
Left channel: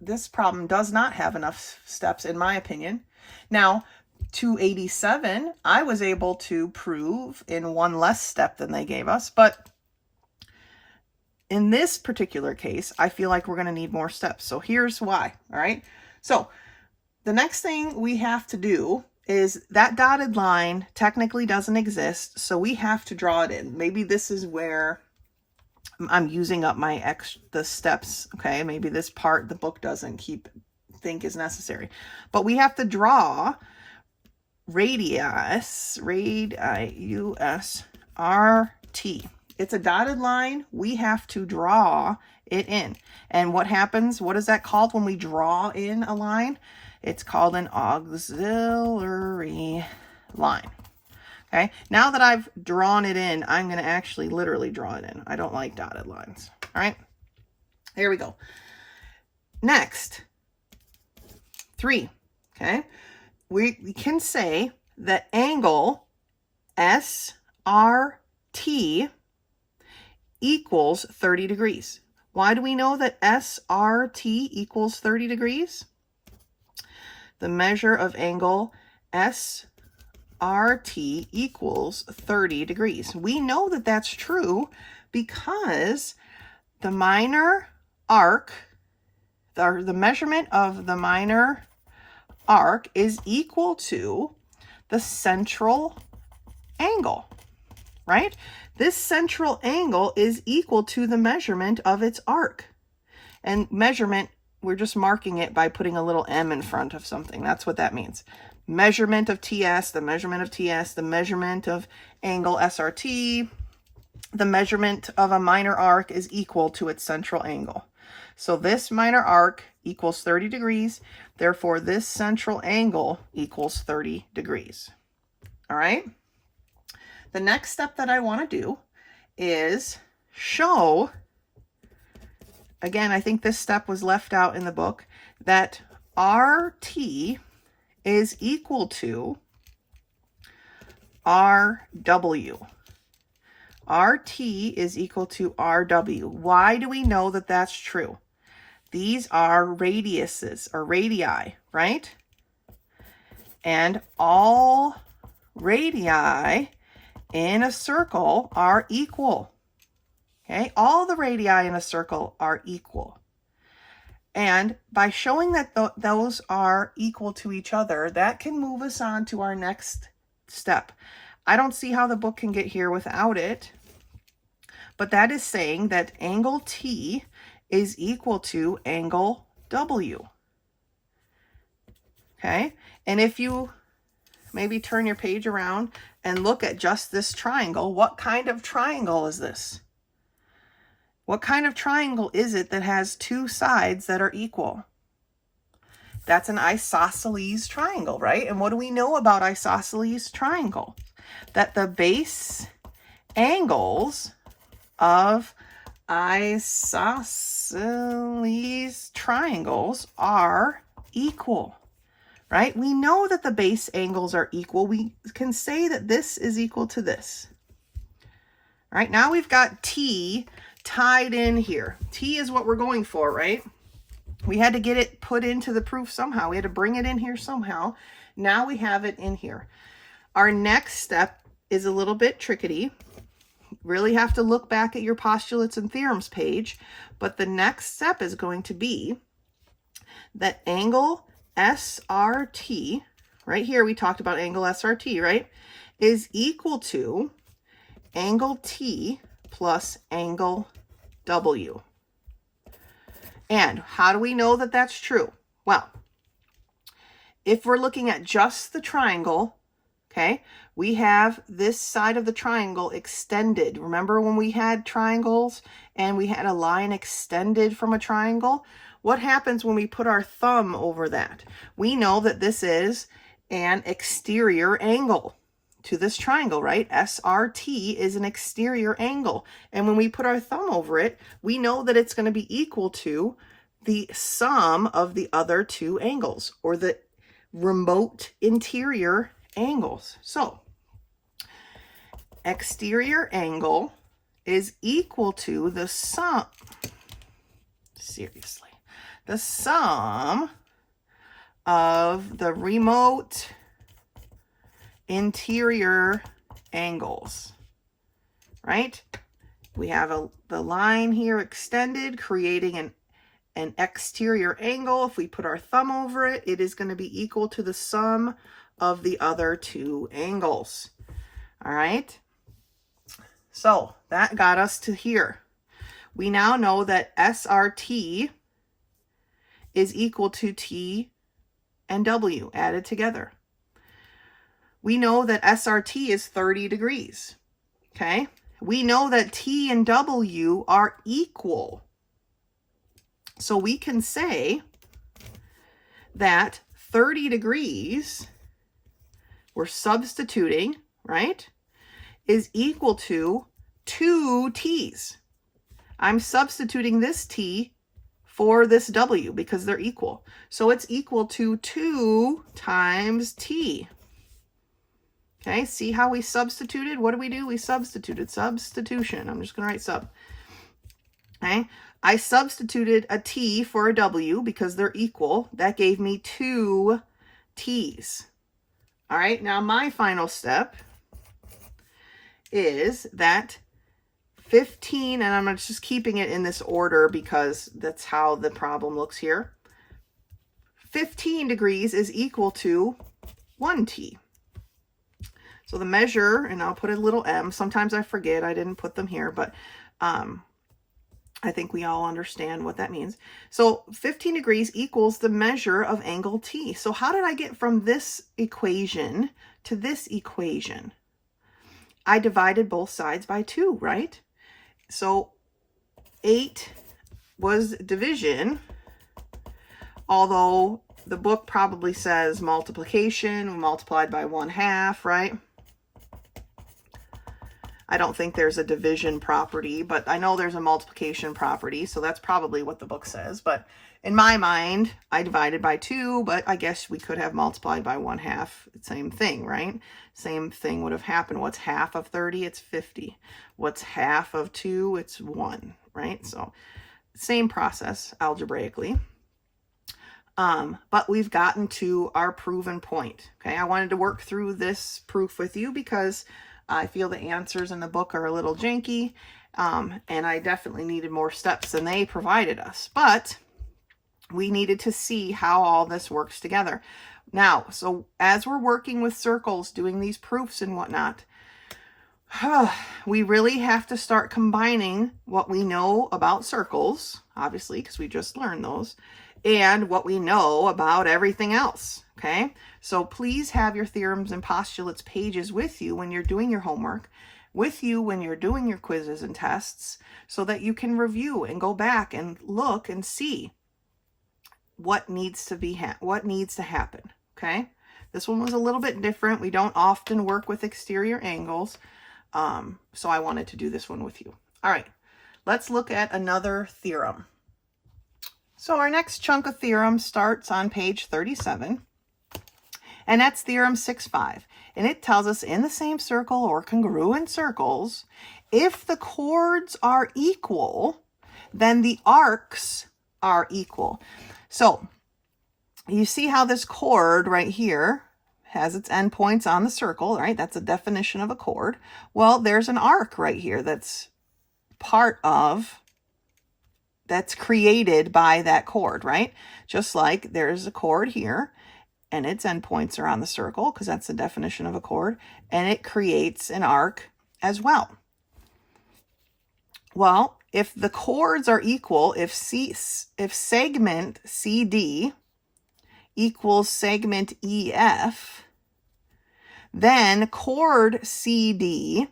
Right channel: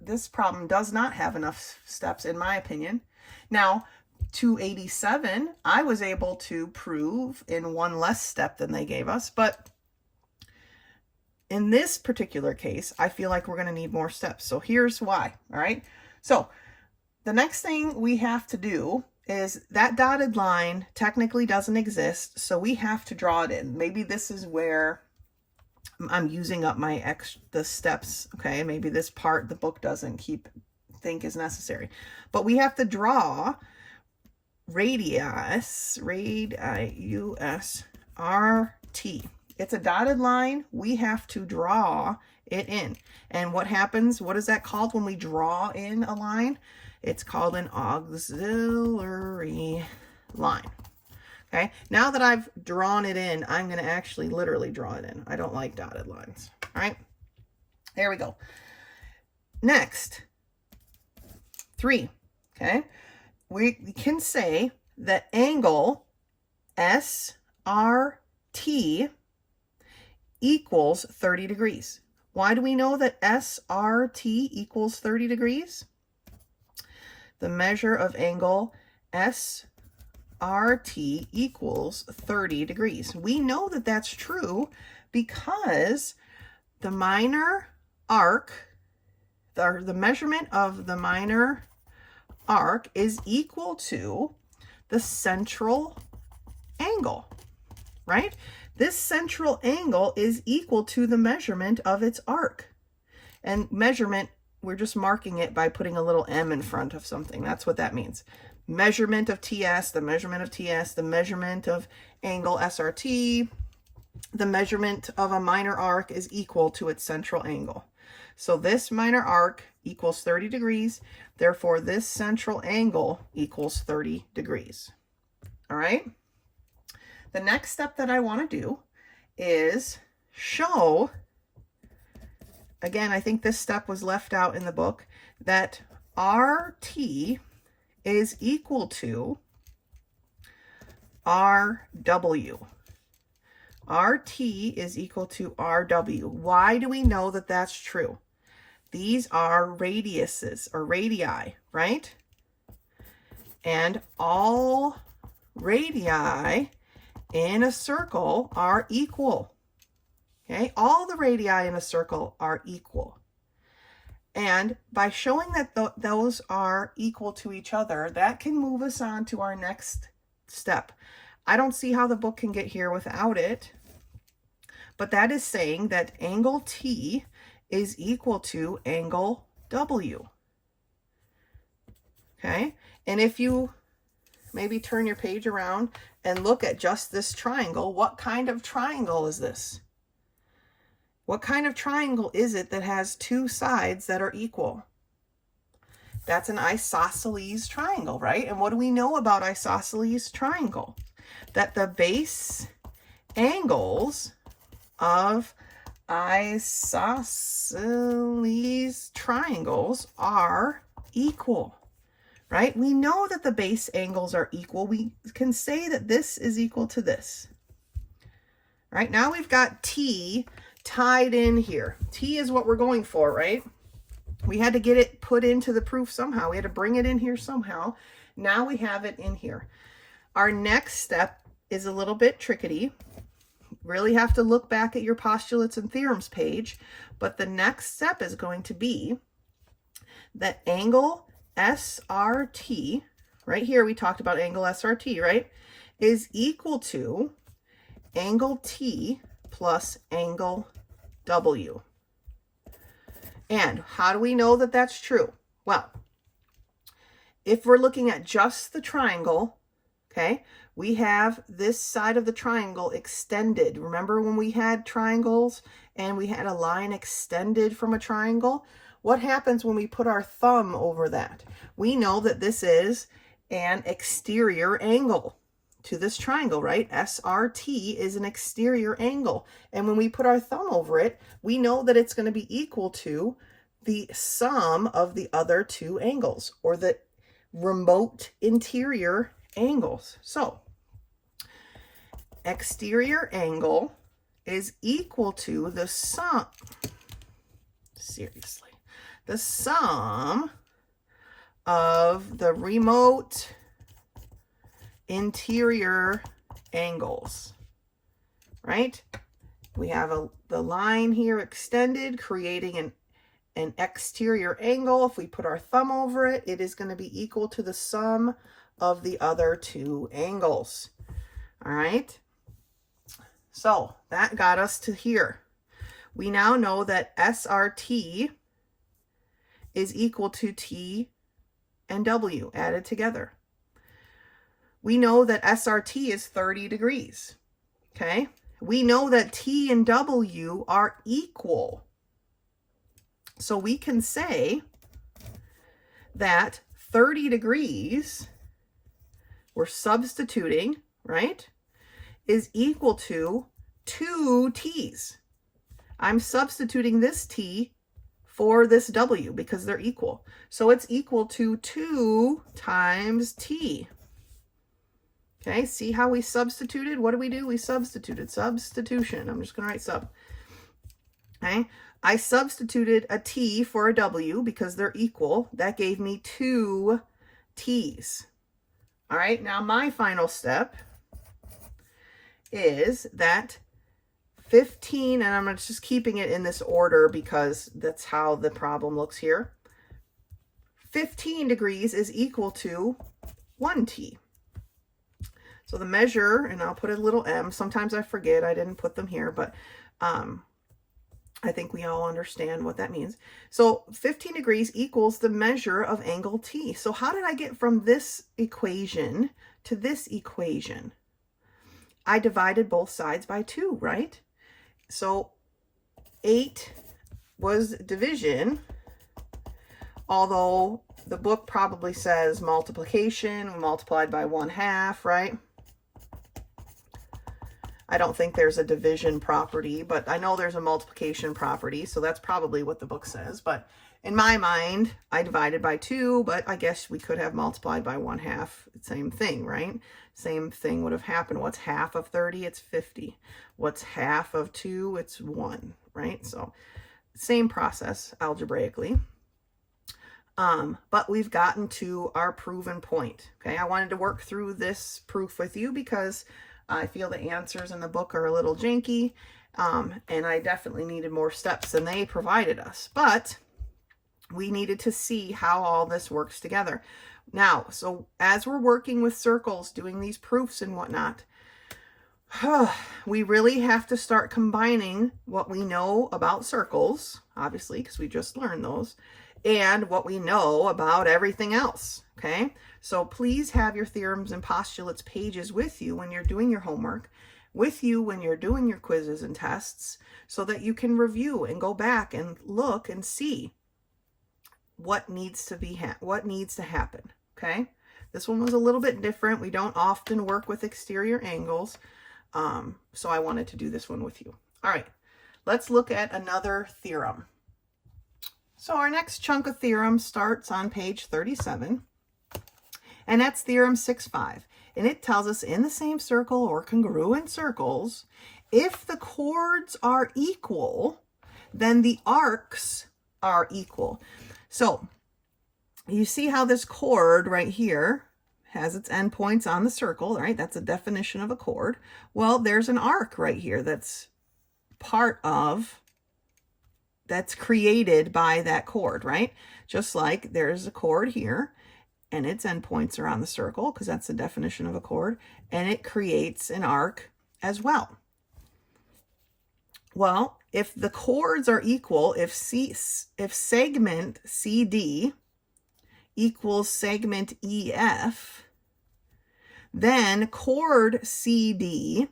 this problem does not have enough steps in my opinion. Now, 287, I was able to prove in one less step than they gave us, but in this particular case, I feel like we're going to need more steps. So here's why, all right? So the next thing we have to do is that dotted line technically doesn't exist, so we have to draw it in. Maybe this is where I'm using up the steps, okay? Maybe this part the book doesn't think is necessary. But we have to draw radius RT. It's a dotted line. We have to draw it in. And what happens? What is that called when we draw in a line? It's called an auxiliary line. Okay, now that I've drawn it in, I'm going to actually literally draw it in. I don't like dotted lines. All right, there we go. Next, 3. Okay, we can say that angle SRT equals 30 degrees. Why do we know that SRT equals 30 degrees? The measure of angle SRT equals 30 degrees. We know that that's true because the minor arc, the measurement of the minor arc is equal to the central angle, right? This central angle is equal to the measurement of its arc. And measurement, we're just marking it by putting a little m in front of something. That's what that means. Measurement of TS, the measurement of TS, the measurement of angle SRT, the measurement of a minor arc is equal to its central angle. So this minor arc equals 30 degrees. Therefore, this central angle equals 30 degrees. All right. The next step that I want to do is show, again, I think this step was left out in the book, that RT is equal to RW. RT is equal to RW. Why do we know that that's true? These are radiuses or radii, right? And all radii in a circle are equal. Okay, all the radii in a circle are equal. And by showing that those are equal to each other, that can move us on to our next step. I don't see how the book can get here without it, but that is saying that angle T is equal to angle W. Okay, and if you maybe turn your page around and look at just this triangle, what kind of triangle is this? What kind of triangle is it that has two sides that are equal? That's an isosceles triangle, right? And what do we know about isosceles triangle? That the base angles of isosceles triangles are equal, right? We know that the base angles are equal. We can say that this is equal to this. All right, now we've got T tied in here. T is what we're going for, right? We had to get it put into the proof somehow. We had to bring it in here somehow. Now we have it in here. Our next step is a little bit tricky. Really have to look back at your postulates and theorems page, but the next step is going to be that angle SRT, right here we talked about angle SRT, right, is equal to angle T plus angle W. And how do we know that that's true? Well, if we're looking at just the triangle, okay, we have this side of the triangle extended. Remember when we had triangles and we had a line extended from a triangle? What happens when we put our thumb over that? We know that this is an exterior angle to this triangle, right? SRT is an exterior angle. And when we put our thumb over it, we know that it's going to be equal to the sum of the other two angles, or the remote interior angles. So exterior angle is equal to the sum, seriously, the sum of the remote interior angles, right? We have the line here extended, creating an exterior angle. If we put our thumb over it, it is going to be equal to the sum of the other two angles. All right. So that got us to here. We now know that SRT is equal to T and W added together. We know that SRT is 30 degrees. Okay. We know that T and W are equal. So we can say that 30 degrees, we're substituting, right, is equal to 2 T's. I'm substituting this T for this W because they're equal. So it's equal to 2 times T. Okay, see how we substituted? What do? We substituted. Substitution. I'm just going to write sub. Okay, I substituted a T for a W because they're equal. That gave me 2 T's. All right, now my final step is that 15, and I'm just keeping it in this order because that's how the problem looks here. 15 degrees is equal to 1 T. So the measure, and I'll put a little m. Sometimes I forget, I didn't put them here, but I think we all understand what that means. So 15 degrees equals the measure of angle T. So how did I get from this equation to this equation? I divided both sides by 2, right? So 8 was division, although the book probably says multiplication multiplied by 1/2, right? I don't think there's a division property, but I know there's a multiplication property, so that's probably what the book says. But in my mind, I divided by 2, but I guess we could have multiplied by 1/2. Same thing, right? Same thing would have happened. What's half of 30? It's 50. What's half of 2? It's 1, right? So same process algebraically. But we've gotten to our proven point. Okay, I wanted to work through this proof with you because I feel the answers in the book are a little janky, and I definitely needed more steps than they provided us. But we needed to see how all this works together. Now, so as we're working with circles, doing these proofs and whatnot, we really have to start combining what we know about circles, obviously, because we just learned those, and what we know about everything else, okay? So please have your theorems and postulates pages with you when you're doing your homework, with you when you're doing your quizzes and tests, so that you can review and go back and look and see what needs to happen, okay? This one was a little bit different. We don't often work with exterior angles, so I wanted to do this one with you. All right, let's look at another theorem. So our next chunk of theorem starts on page 37, and that's theorem 6.5. And it tells us in the same circle or congruent circles, if the chords are equal, then the arcs are equal. So you see how this chord right here has its endpoints on the circle, right? That's a definition of a chord. Well, there's an arc right here that's created by that chord, right? Just like there's a chord here and its endpoints are on the circle because that's the definition of a chord, and it creates an arc as well. Well, if the chords are equal, if segment CD equals segment EF, then chord CD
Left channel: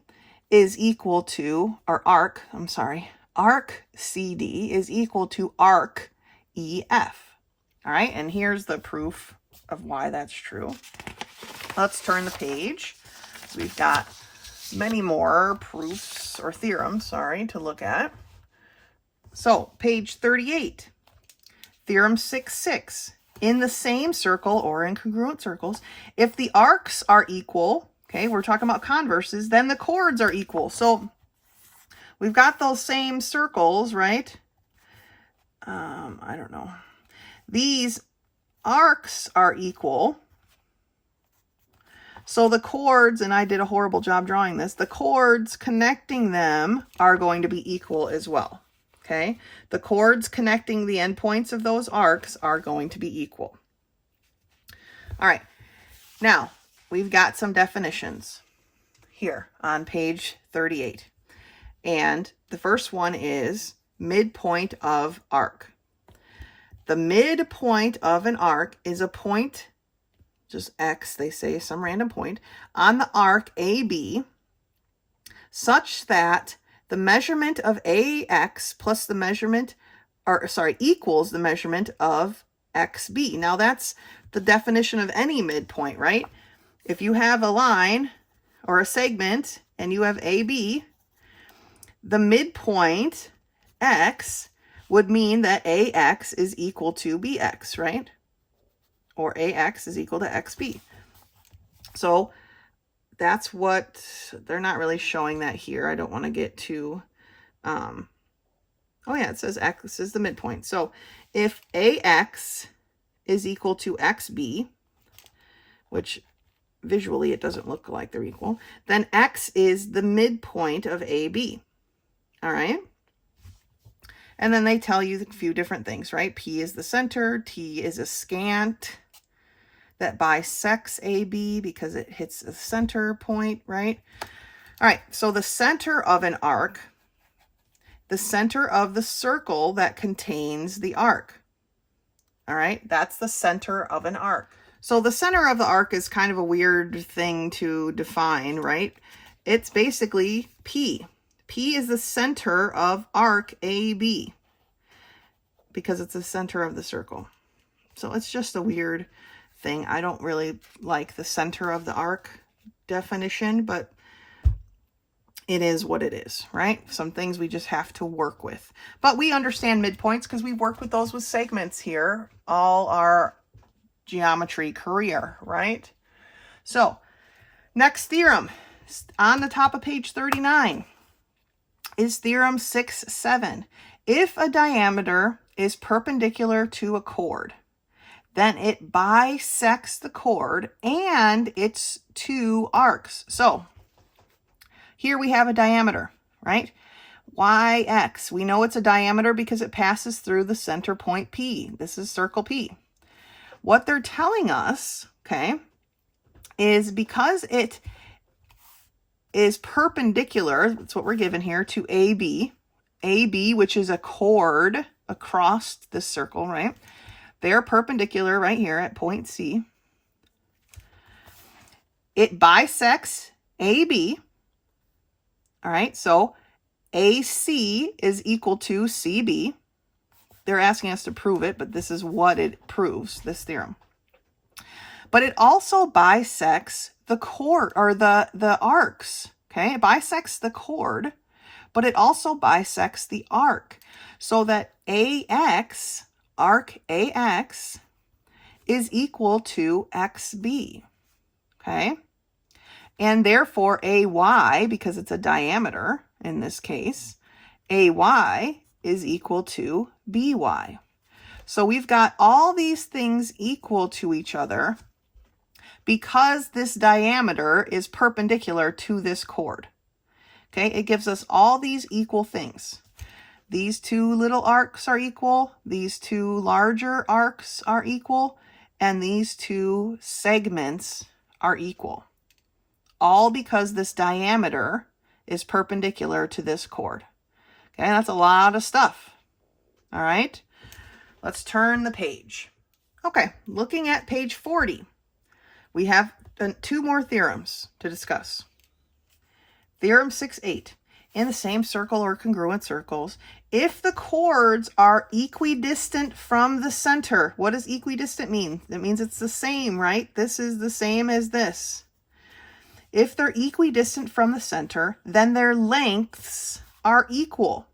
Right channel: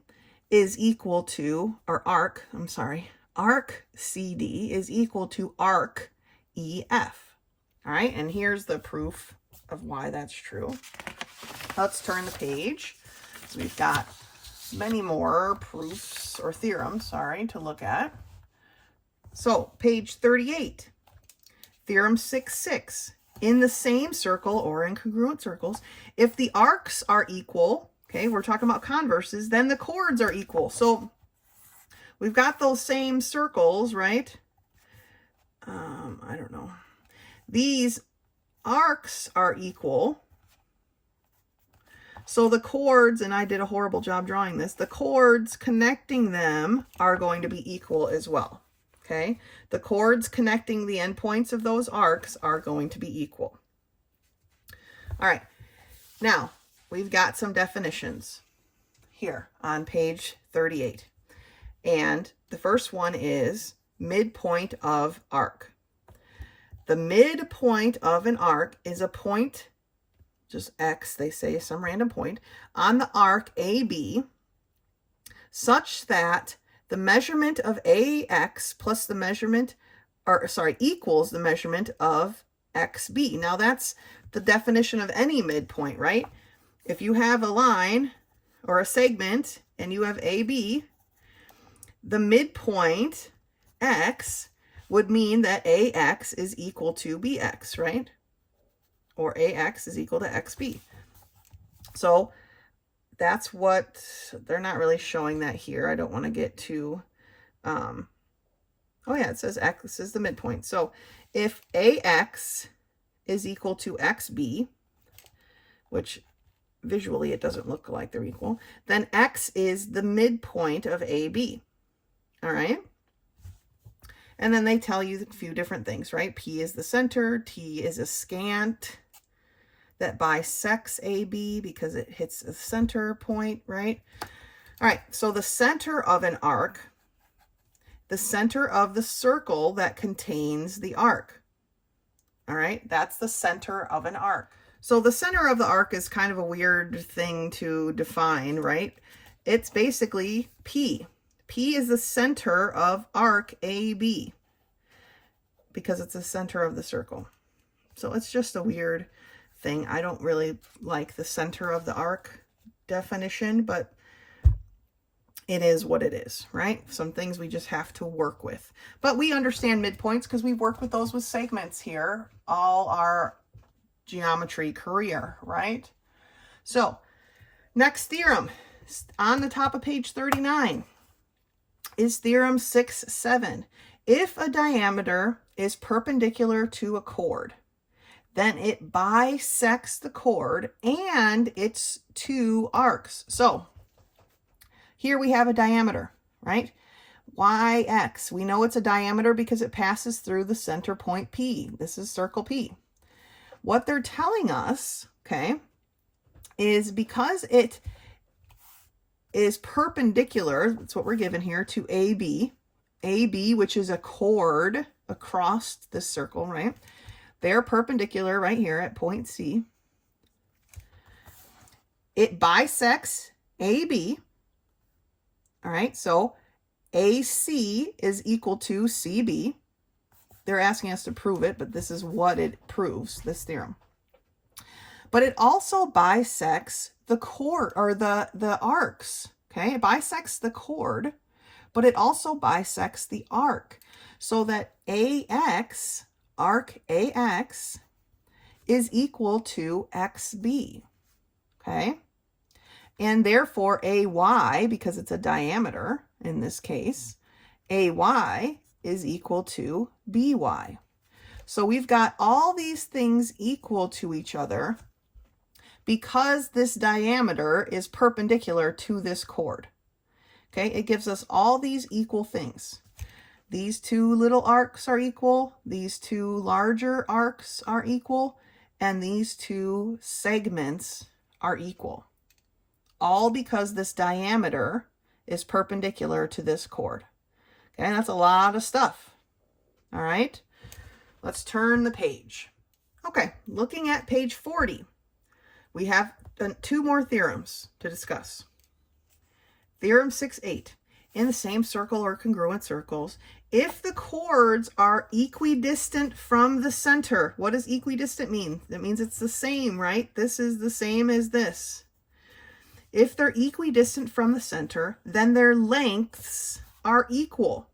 is equal to, or arc CD is equal to arc EF. All right, and here's the proof of why that's true. Let's turn the page. So we've got many more proofs or theorems, to look at. So page 38, theorem 6.6. In the same circle or in congruent circles, if the arcs are equal, okay, we're talking about converses, then the chords are equal. So we've got those same circles, right? I don't know. these arcs are equal. So the chords, and I did a horrible job drawing this, the chords connecting them are going to be equal as well. Okay, the chords connecting the endpoints of those arcs are going to be equal. All right, now we've got some definitions here on page 38. And the first one is midpoint of arc. The midpoint of an arc is a point, just X, they say, some random point, on the arc AB, such that the measurement of AX plus the measurement, equals the measurement of XB. Now that's the definition of any midpoint, right? If you have a line or a segment and you have AB, the midpoint X would mean that AX is equal to BX, right? Or AX is equal to XB. So that's what, they're not really showing that here. I don't want to get too, oh yeah, it says X is the midpoint. So if AX is equal to XB, which visually it doesn't look like they're equal, then X is the midpoint of AB. All right. And then they tell you a few different things, right? P is the center, T is a scant that bisects AB because it hits the center point, right? All right, so the center of an arc, the center of the circle that contains the arc. All right, that's the center of an arc. So the center of the arc is kind of a weird thing to define, right? It's basically P. P is the center of arc AB because it's the center of the circle. So it's just a weird thing. I don't really like the center of the arc definition, but it is what it is, right? Some things we just have to work with. But we understand midpoints because we've worked with those with segments here all our geometry career, right? So next theorem on the top of page 39 is theorem 6-7. If a diameter is perpendicular to a chord, then it bisects the chord and its two arcs. So here we have a diameter, right? YX, we know it's a diameter because it passes through the center point P. This is circle P. What they're telling us, okay, is because it is perpendicular, that's what we're given here, to AB, which is a chord across this circle, right? They're perpendicular right here at point C. It bisects AB. All right, so AC is equal to CB. They're asking us to prove it, but this is what it proves, this theorem. But it also bisects the chord, or the arcs, okay? It bisects the chord, but it also bisects the arc, so that AX, arc AX, is equal to XB, okay? And therefore AY, because it's a diameter in this case, AY is equal to BY. So we've got all these things equal to each other because this diameter is perpendicular to this chord. Okay, it gives us all these equal things. These two little arcs are equal, these two larger arcs are equal, and these two segments are equal. All because this diameter is perpendicular to this chord. Okay, that's a lot of stuff. All right, let's turn the page. Okay, looking at page 40, we have two more theorems to discuss. Theorem 6-8. In the same circle or congruent circles, if the chords are equidistant from the center, what does equidistant mean? That means it's the same, right? This is the same as this. If they're equidistant from the center, then their lengths are equal.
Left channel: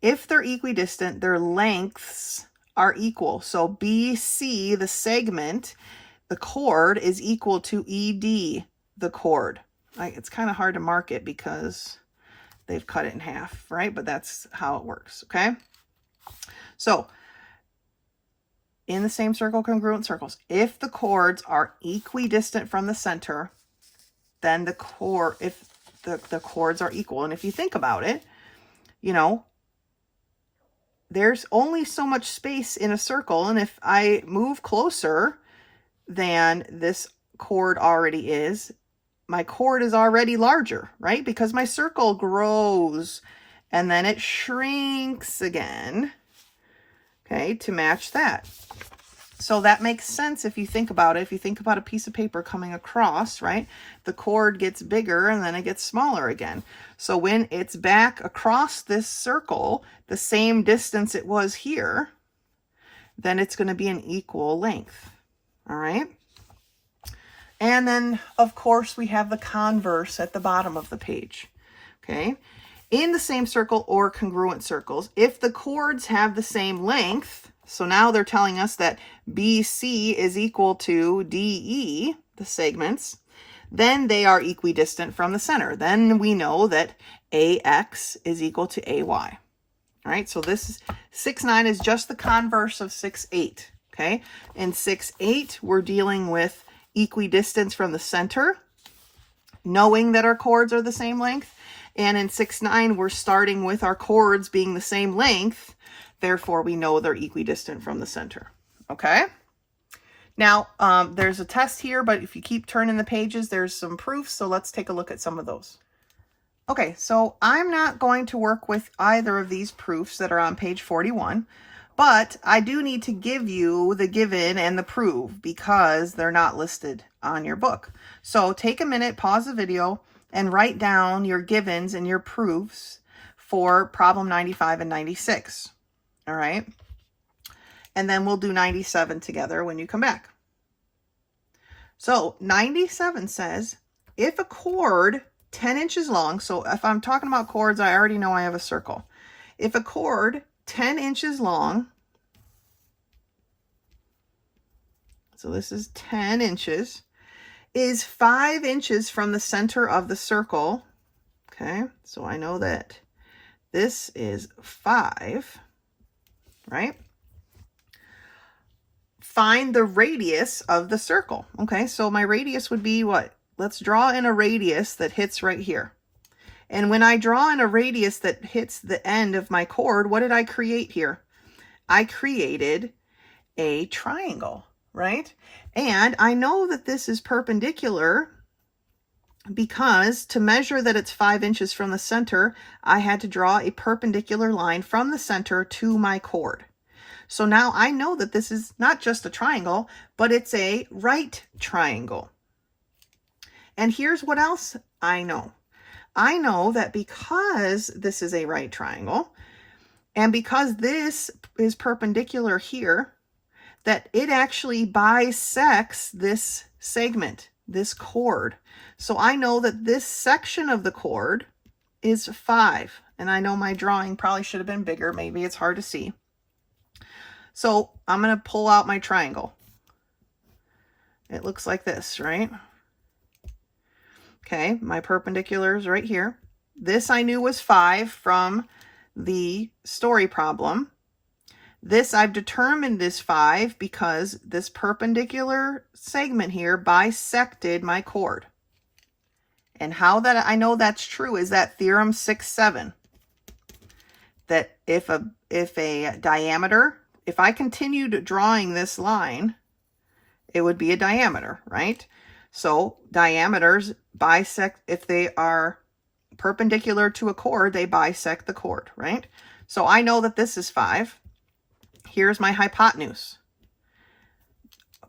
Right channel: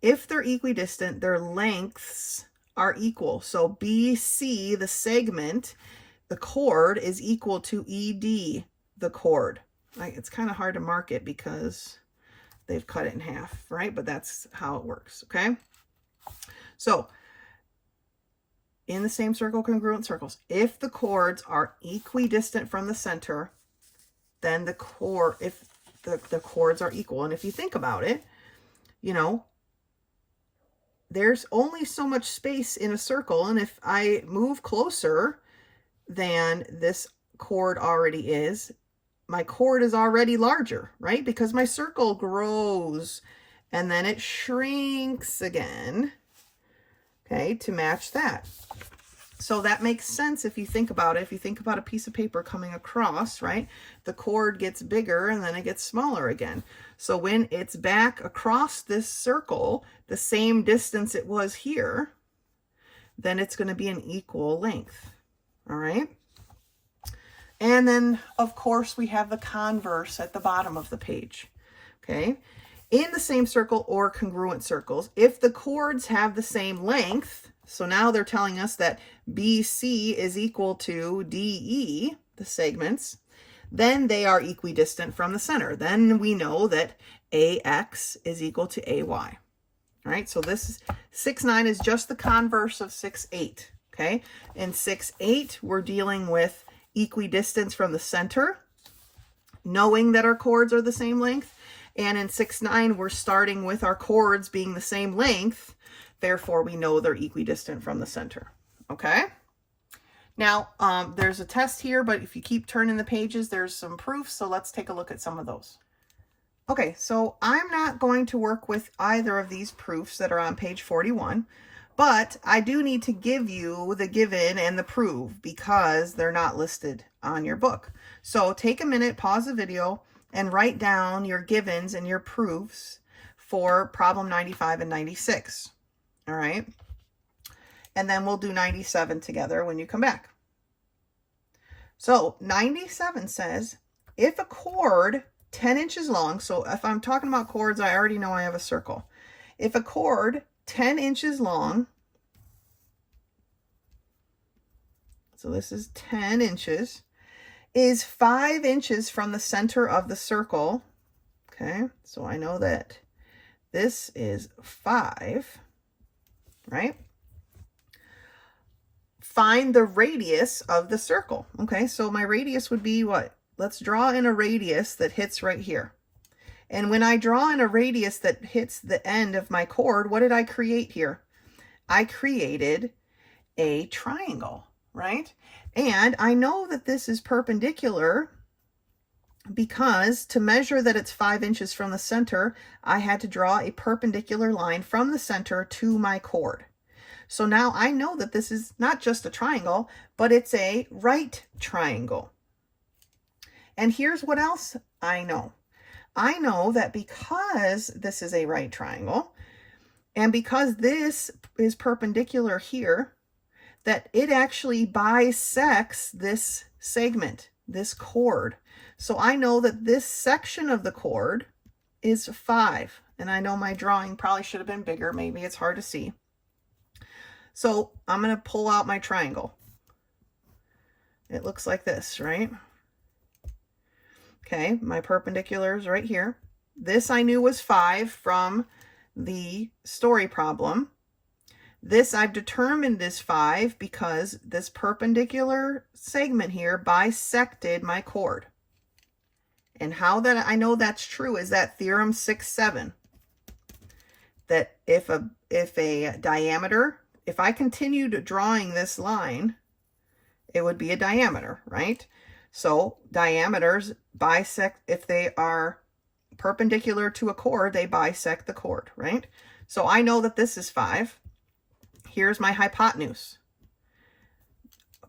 If they're equidistant, their lengths are equal. So BC, the segment, the chord, is equal to ED, the chord. It's kind of hard to mark it because they've cut it in half, right? But that's how it works, okay? So in the same circle, congruent circles, if the chords are equidistant from the center, then the chords are equal. And if you think about it, you know, there's only so much space in a circle. And if I move closer than this chord already is, my chord is already larger, right? Because my circle grows and then it shrinks again, okay, to match that. So that makes sense if you think about it. If you think about a piece of paper coming across, right, the chord gets bigger and then it gets smaller again. So when it's back across this circle, the same distance it was here, then it's going to be an equal length. All right. And then, of course, we have the converse at the bottom of the page. Okay. In the same circle or congruent circles, if the chords have the same length, so now they're telling us that BC is equal to DE, the segments, then they are equidistant from the center. Then we know that AX is equal to AY. All right, so this is 6-9 is just the converse of 6-8. Okay, in 6-8, we're dealing with equidistance from the center, knowing that our chords are the same length. And in 6-9, we're starting with our chords being the same length. Therefore, we know they're equidistant from the center. Okay. Now, there's a test here, but if you keep turning the pages, there's some proofs. So let's take a look at some of those. Okay, so I'm not going to work with either of these proofs that are on page 41, but I do need to give you the given and the prove because they're not listed on your book. So take a minute, pause the video, and write down your givens and your proofs for problem 95 and 96. All right. And then we'll do 97 together when you come back. So 97 says, if a chord 10 inches long, so if I'm talking about chords, I already know I have a circle. If a chord 10 inches long, so this is 10 inches, is 5 inches from the center of the circle. Okay, so I know that this is 5, right? Find the radius of the circle. Okay, so my radius would be what? Let's draw in a radius that hits right here. And when I draw in a radius that hits the end of my chord, what did I create here? I created a triangle, right? And I know that this is perpendicular because to measure that it's 5 inches from the center, I had to draw a perpendicular line from the center to my chord. So now I know that this is not just a triangle, but it's a right triangle. And here's what else I know. I know that because this is a right triangle, and because this is perpendicular here, that it actually bisects this segment, this chord. So I know that this section of the chord is 5. And I know my drawing probably should have been bigger. Maybe it's hard to see. So I'm going to pull out my triangle. It looks like this, right? Okay, my perpendicular is right here. This I knew was 5 from the story problem. This I've determined is 5 because this perpendicular segment here bisected my chord. And how that I know that's true is that theorem 6-7. That if a diameter, if I continued drawing this line, it would be a diameter, right? So diameters bisect, if they are perpendicular to a chord, they bisect the chord, right? So I know that this is 5. Here's my hypotenuse.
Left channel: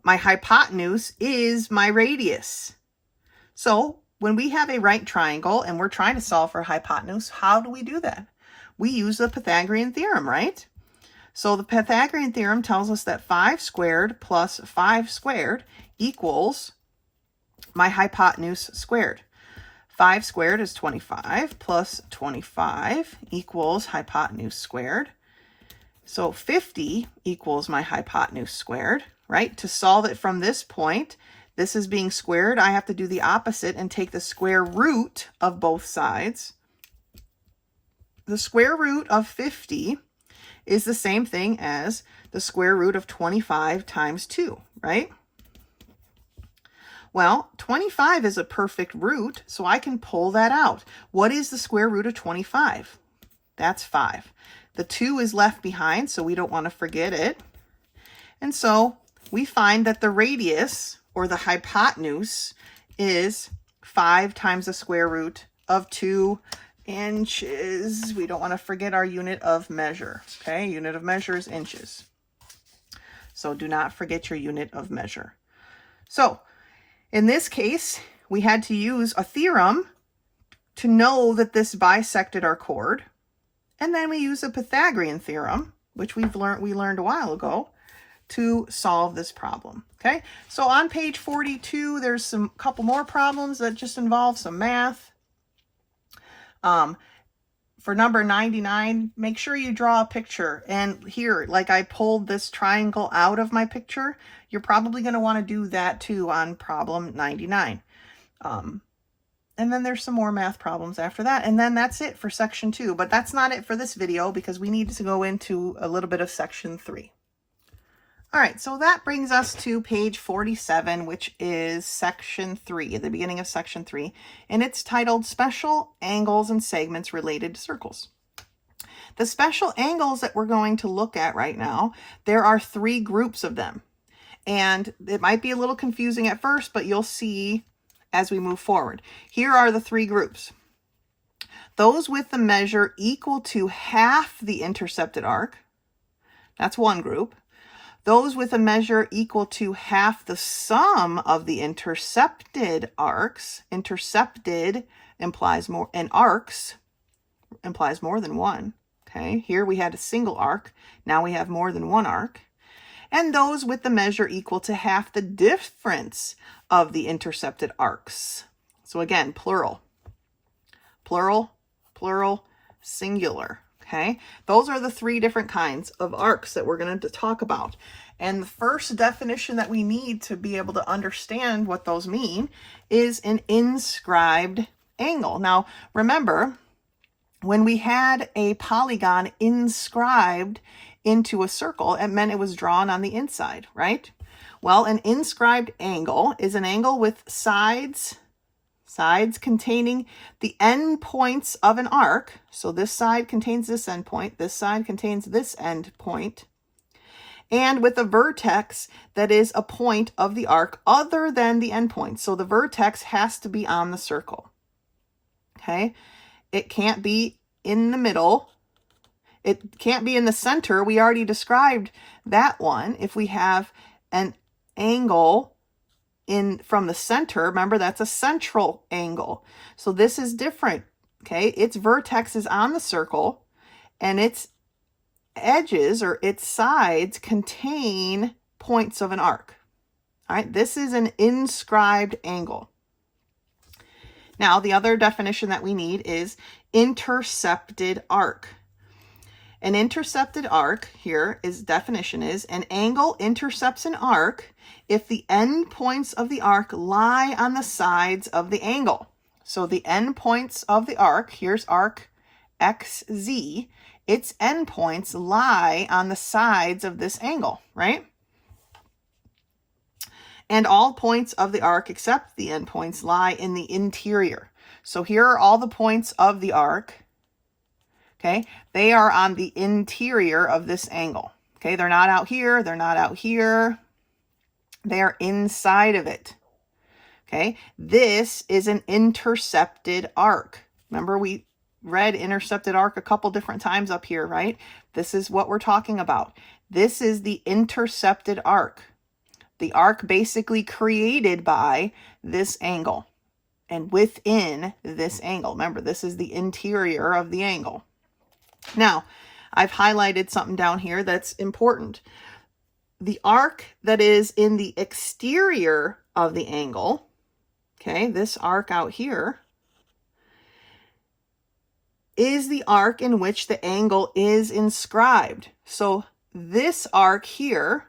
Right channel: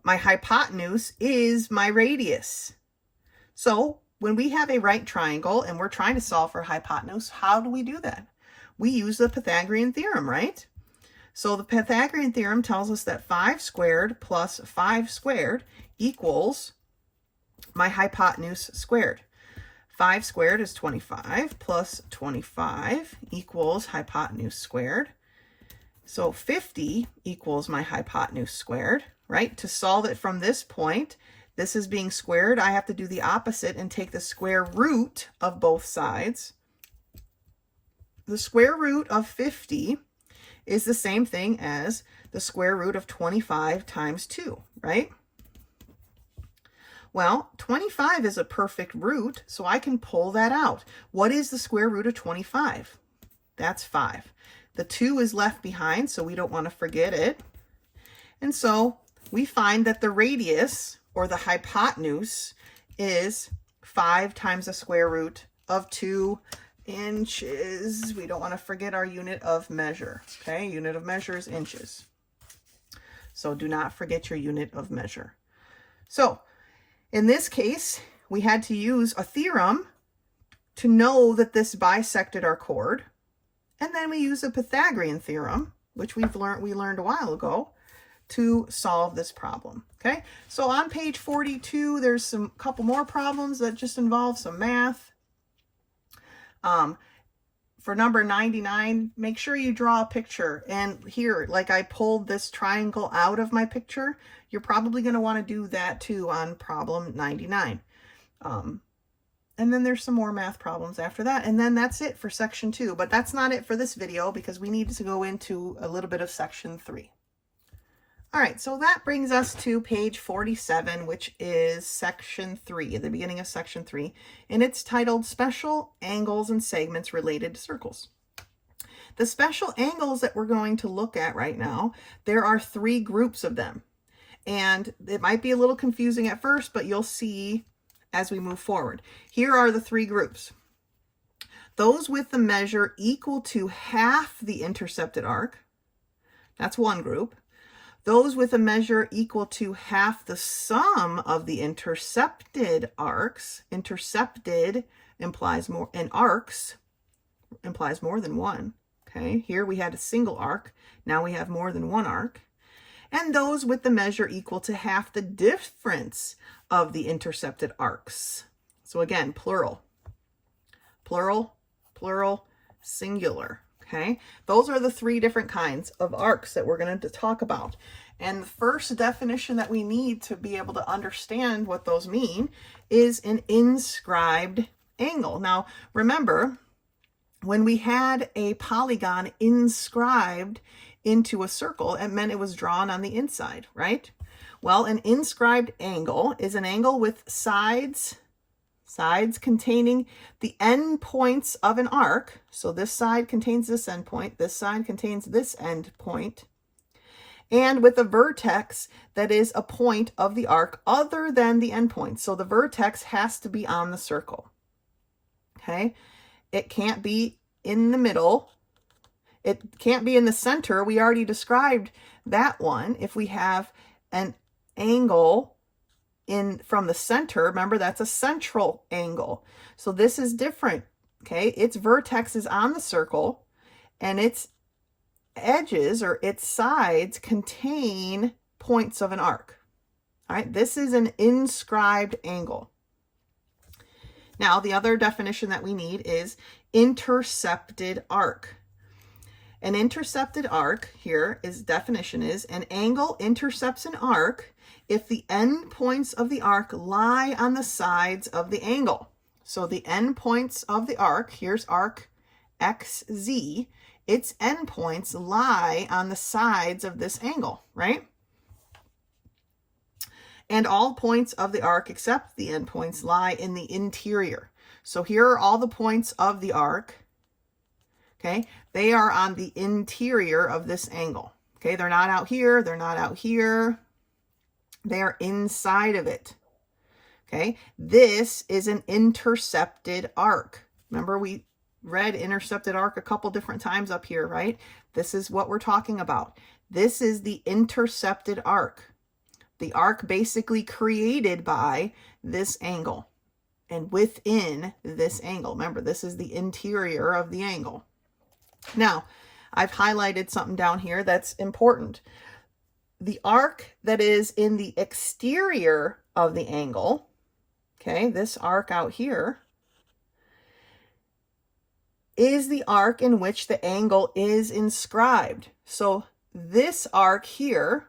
My hypotenuse is my radius. So when we have a right triangle and we're trying to solve for hypotenuse, how do we do that? We use the Pythagorean theorem, right? So the Pythagorean theorem tells us that 5 squared plus 5 squared equals my hypotenuse squared. 5 squared is 25 plus 25 equals hypotenuse squared. So 50 equals my hypotenuse squared, right? To solve it from this point, this is being squared. I have to do the opposite and take the square root of both sides. The square root of 50 is the same thing as the square root of 25 times 2, right? Well, 25 is a perfect root, so I can pull that out. What is the square root of 25? That's 5. The 2 is left behind, so we don't want to forget it. And so we find that the radius, or the hypotenuse, is 5 times the square root of 2 inches. We don't want to forget our unit of measure. Okay, unit of measure is inches. So do not forget your unit of measure. So in this case, we had to use a theorem to know that this bisected our chord. And then we use a Pythagorean theorem, which we learned a while ago, to solve this problem. Okay, so on page 42, there's some couple more problems that just involve some math. For number 99, make sure you draw a picture. And here, like I pulled this triangle out of my picture, you're probably going to want to do that too on problem 99. And then there's some more math problems after that. And then that's it for section 2. But that's not it for this video because we need to go into a little bit of section 3. All right, so that brings us to page 47, which is section 3, at the beginning of section 3. And it's titled Special Angles and Segments Related to Circles. The special angles that we're going to look at right now, there are 3 groups of them. And it might be a little confusing at first, but you'll see as we move forward. Here are the 3 groups. Those with the measure equal to half the intercepted arc, that's one group. Those with a measure equal to half the sum of the intercepted arcs, intercepted implies more, and arcs implies more than one. Okay, here we had a single arc, now we have more than one arc. And those with the measure equal to half the difference of the intercepted arcs. So again, plural, plural, plural, singular. Okay, those are the 3 different kinds of arcs that we're going to talk about. And the first definition that we need to be able to understand what those mean is an inscribed angle. Now, remember, when we had a polygon inscribed into a circle, it meant it was drawn on the inside, right? Well, an inscribed angle is an angle with sides containing the end points of an arc. So this side contains this end point, this side contains this end point, and with a vertex that is a point of the arc other than the end point. So the vertex has to be on the circle. Okay, it can't be in the middle. It can't be in the center. We already described that one. If we have an angle from the center, remember that's a central angle. So this is different. Okay, its vertex is on the circle and its edges or its sides contain points of an arc. All right, this is an inscribed angle. Now, the other definition that we need is intercepted arc. An intercepted arc, here is definition is, an angle intercepts an arc if the end points of the arc lie on the sides of the angle. So the end points of the arc, here's arc XZ, its end points lie on the sides of this angle, right? And all points of the arc except the end points lie in the interior. So here are all the points of the arc. Okay, they are on the interior of this angle. Okay, they're not out here, they're not out here. They are inside of it. Okay, this is an intercepted arc. Remember, we read intercepted arc a couple different times up here, right? This is what we're talking about. This is the intercepted arc. The arc basically created by this angle and within this angle. Remember, this is the interior of the angle. Now, I've highlighted something down here that's important. The arc that is in the exterior of the angle, okay, this arc out here, is the arc in which the angle is inscribed. So this arc here,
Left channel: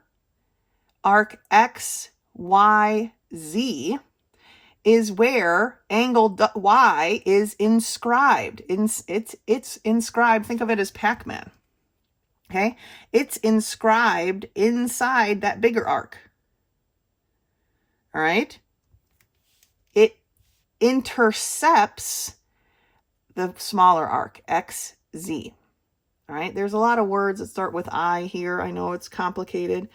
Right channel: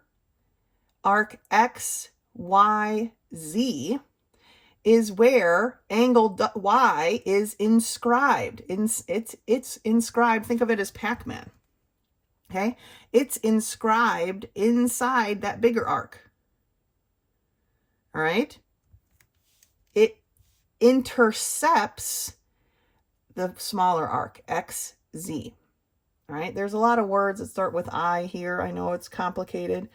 arc X, Y, Z, is where angle Y is inscribed. It's inscribed. Think of it as Pac-Man. Okay, it's inscribed inside that bigger arc. All right, it intercepts the smaller arc, XZ. All right, there's a lot of words that start with I here. I know it's complicated.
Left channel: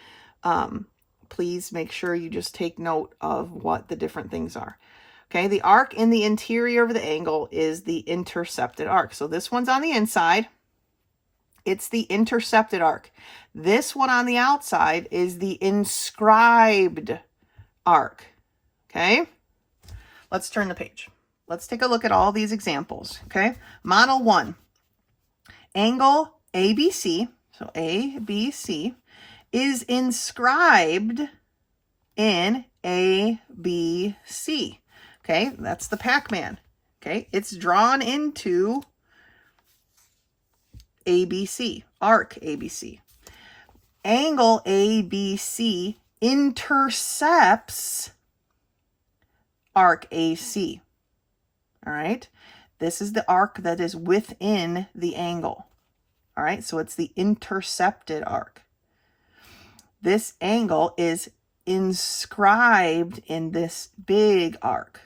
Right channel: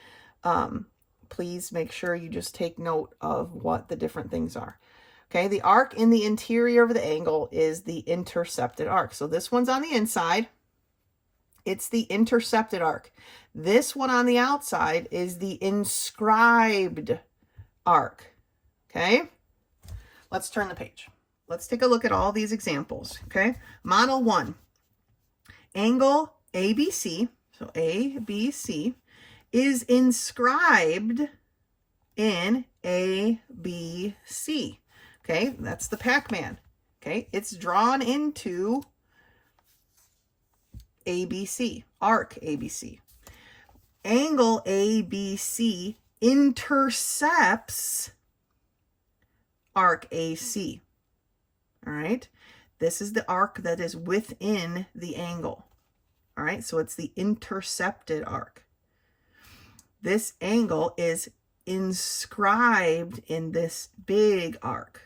Please make sure you just take note of what the different things are. Okay, the arc in the interior of the angle is the intercepted arc. So this one's on the inside. It's the intercepted arc. This one on the outside is the inscribed arc. Okay, let's turn the page. Let's take a look at all these examples. Okay, model 1. Angle ABC, so ABC, is inscribed in ABC. Okay, that's the Pac-Man. Okay, it's drawn into ABC, arc ABC. Angle ABC intercepts arc AC. All right, this is the arc that is within the angle. All right, so it's the intercepted arc. This angle is inscribed in this big arc.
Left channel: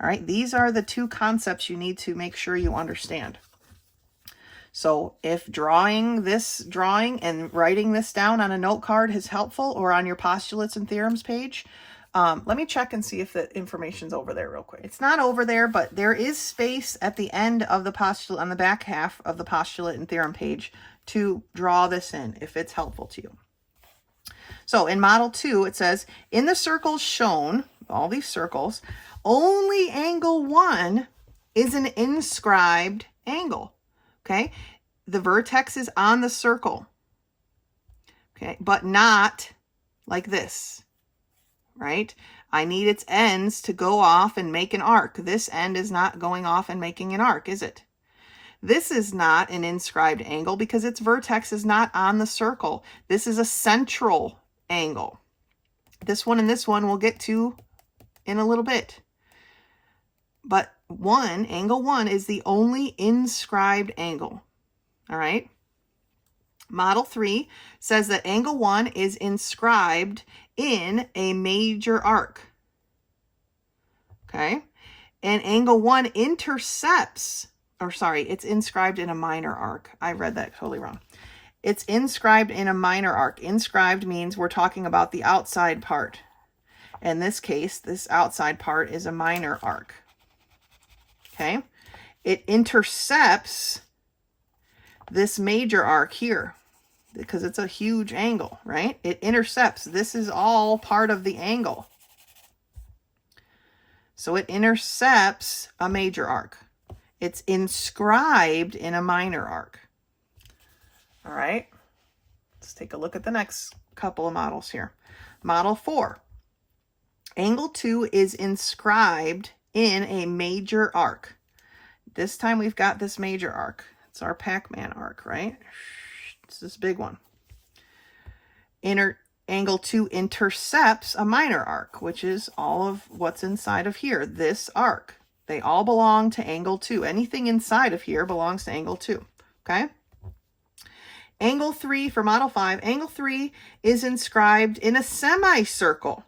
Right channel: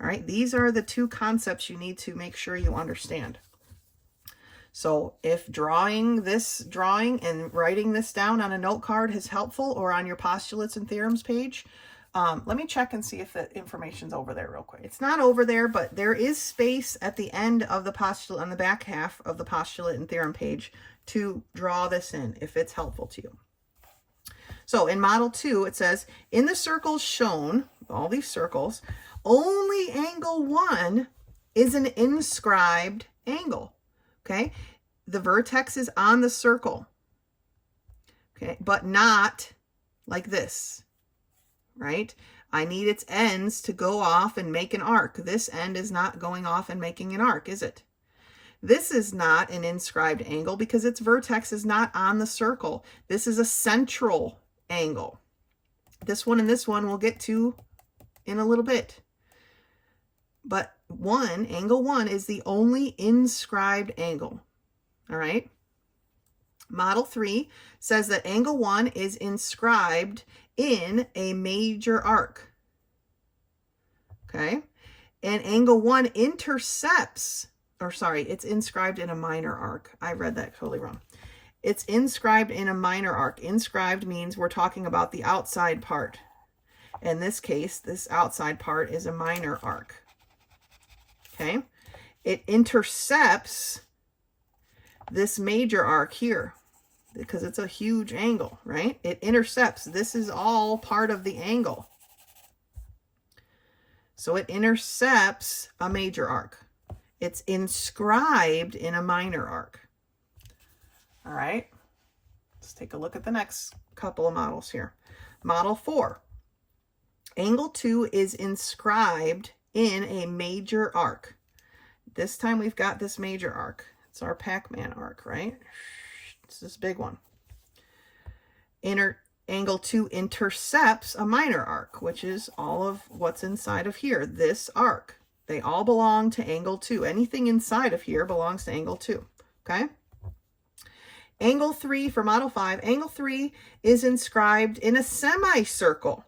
All right, these are the two concepts you need to make sure you understand. So if drawing this drawing and writing this down on a note card is helpful, or on your postulates and theorems page, let me check and see if the information's over there real quick. It's not over there, but there is space at the end of the postulate, on the back half of the postulate and theorem page, to draw this in if it's helpful to you. So in model 2, it says, in the circles shown, all these circles, only angle 1 is an inscribed angle. Okay, the vertex is on the circle. Okay, but not like this, right? I need its ends to go off and make an arc. This end is not going off and making an arc, is it? This is not an inscribed angle because its vertex is not on the circle. This is a central angle. This one and this one we'll get to in a little bit. But angle 1 is the only inscribed angle. All right. Model 3 says that angle 1 is inscribed in a major arc. Okay. And angle 1 intercepts, or sorry, it's inscribed in a minor arc. I read that totally wrong. It's inscribed in a minor arc. Inscribed means we're talking about the outside part. In this case, this outside part is a minor arc. Okay, it intercepts this major arc here because it's a huge angle, right? It intercepts. This is all part of the angle. So it intercepts a major arc. It's inscribed in a minor arc. All right, let's take a look at the next couple of models here. Model 4. Angle 2 is inscribed in a major arc. This time we've got this major arc. It's our Pac-Man arc, right? It's this big one. Angle 2 intercepts a minor arc, which is all of what's inside of here, this arc. They all belong to angle 2. Anything inside of here belongs to angle 2, okay? Angle 3 for model 5, angle 3 is inscribed in a semicircle,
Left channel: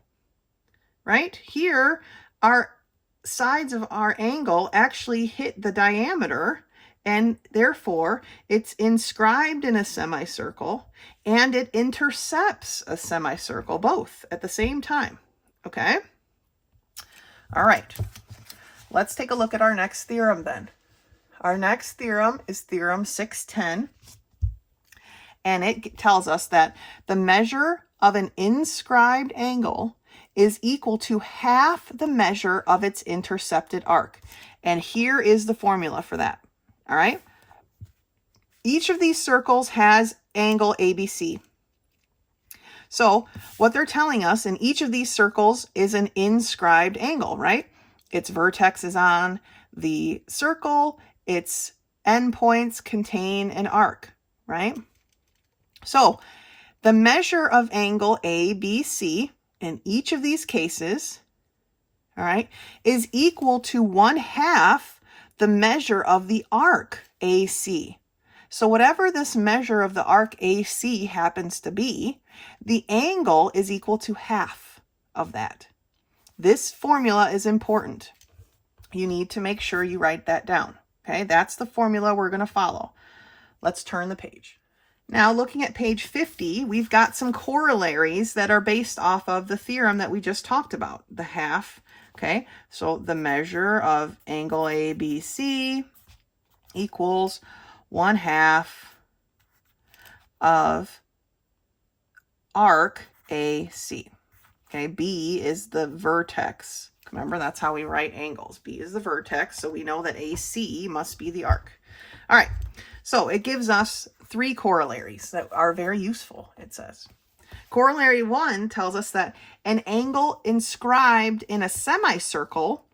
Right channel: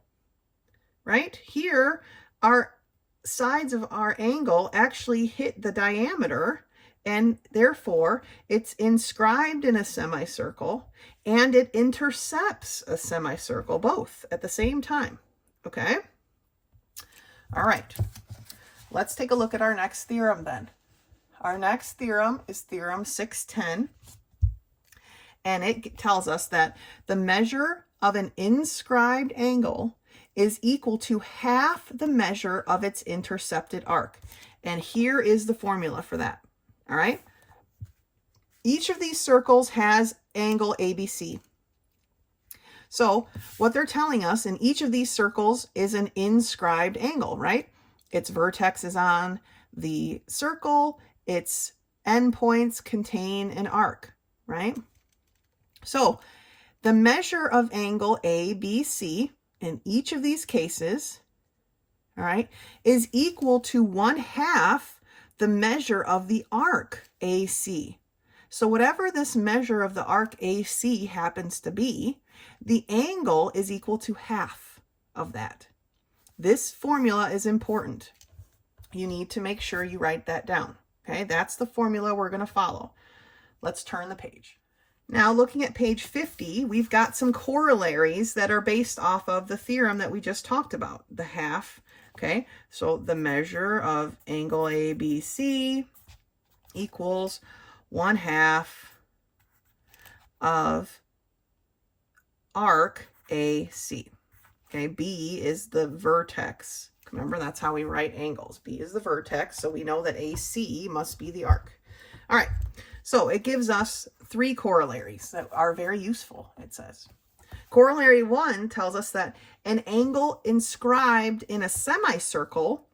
right? Here, our sides of our angle actually hit the diameter, and therefore it's inscribed in a semicircle and it intercepts a semicircle, both at the same time. Okay. All right. Let's take a look at our next theorem then. Our next theorem is theorem 610. And it tells us that the measure of an inscribed angle is equal to half the measure of its intercepted arc. And here is the formula for that. All right. Each of these circles has angle ABC. So what they're telling us in each of these circles is an inscribed angle, right? Its vertex is on the circle. Its endpoints contain an arc, right? So the measure of angle ABC in each of these cases, all right, is equal to 1/2 the measure of the arc AC. So whatever this measure of the arc AC happens to be, the angle is equal to half of that. This formula is important. You need to make sure you write that down. Okay, that's the formula we're going to follow. Let's turn the page. Now looking at page 50, we've got some corollaries that are based off of the theorem that we just talked about, the half. Okay, so the measure of angle ABC equals 1/2 of arc AC. Okay, B is the vertex. Remember, that's how we write angles. B is the vertex, so we know that AC must be the arc. All right, so it gives us 3 corollaries that are very useful, it says. Corollary 1 tells us that an angle inscribed in a semicircle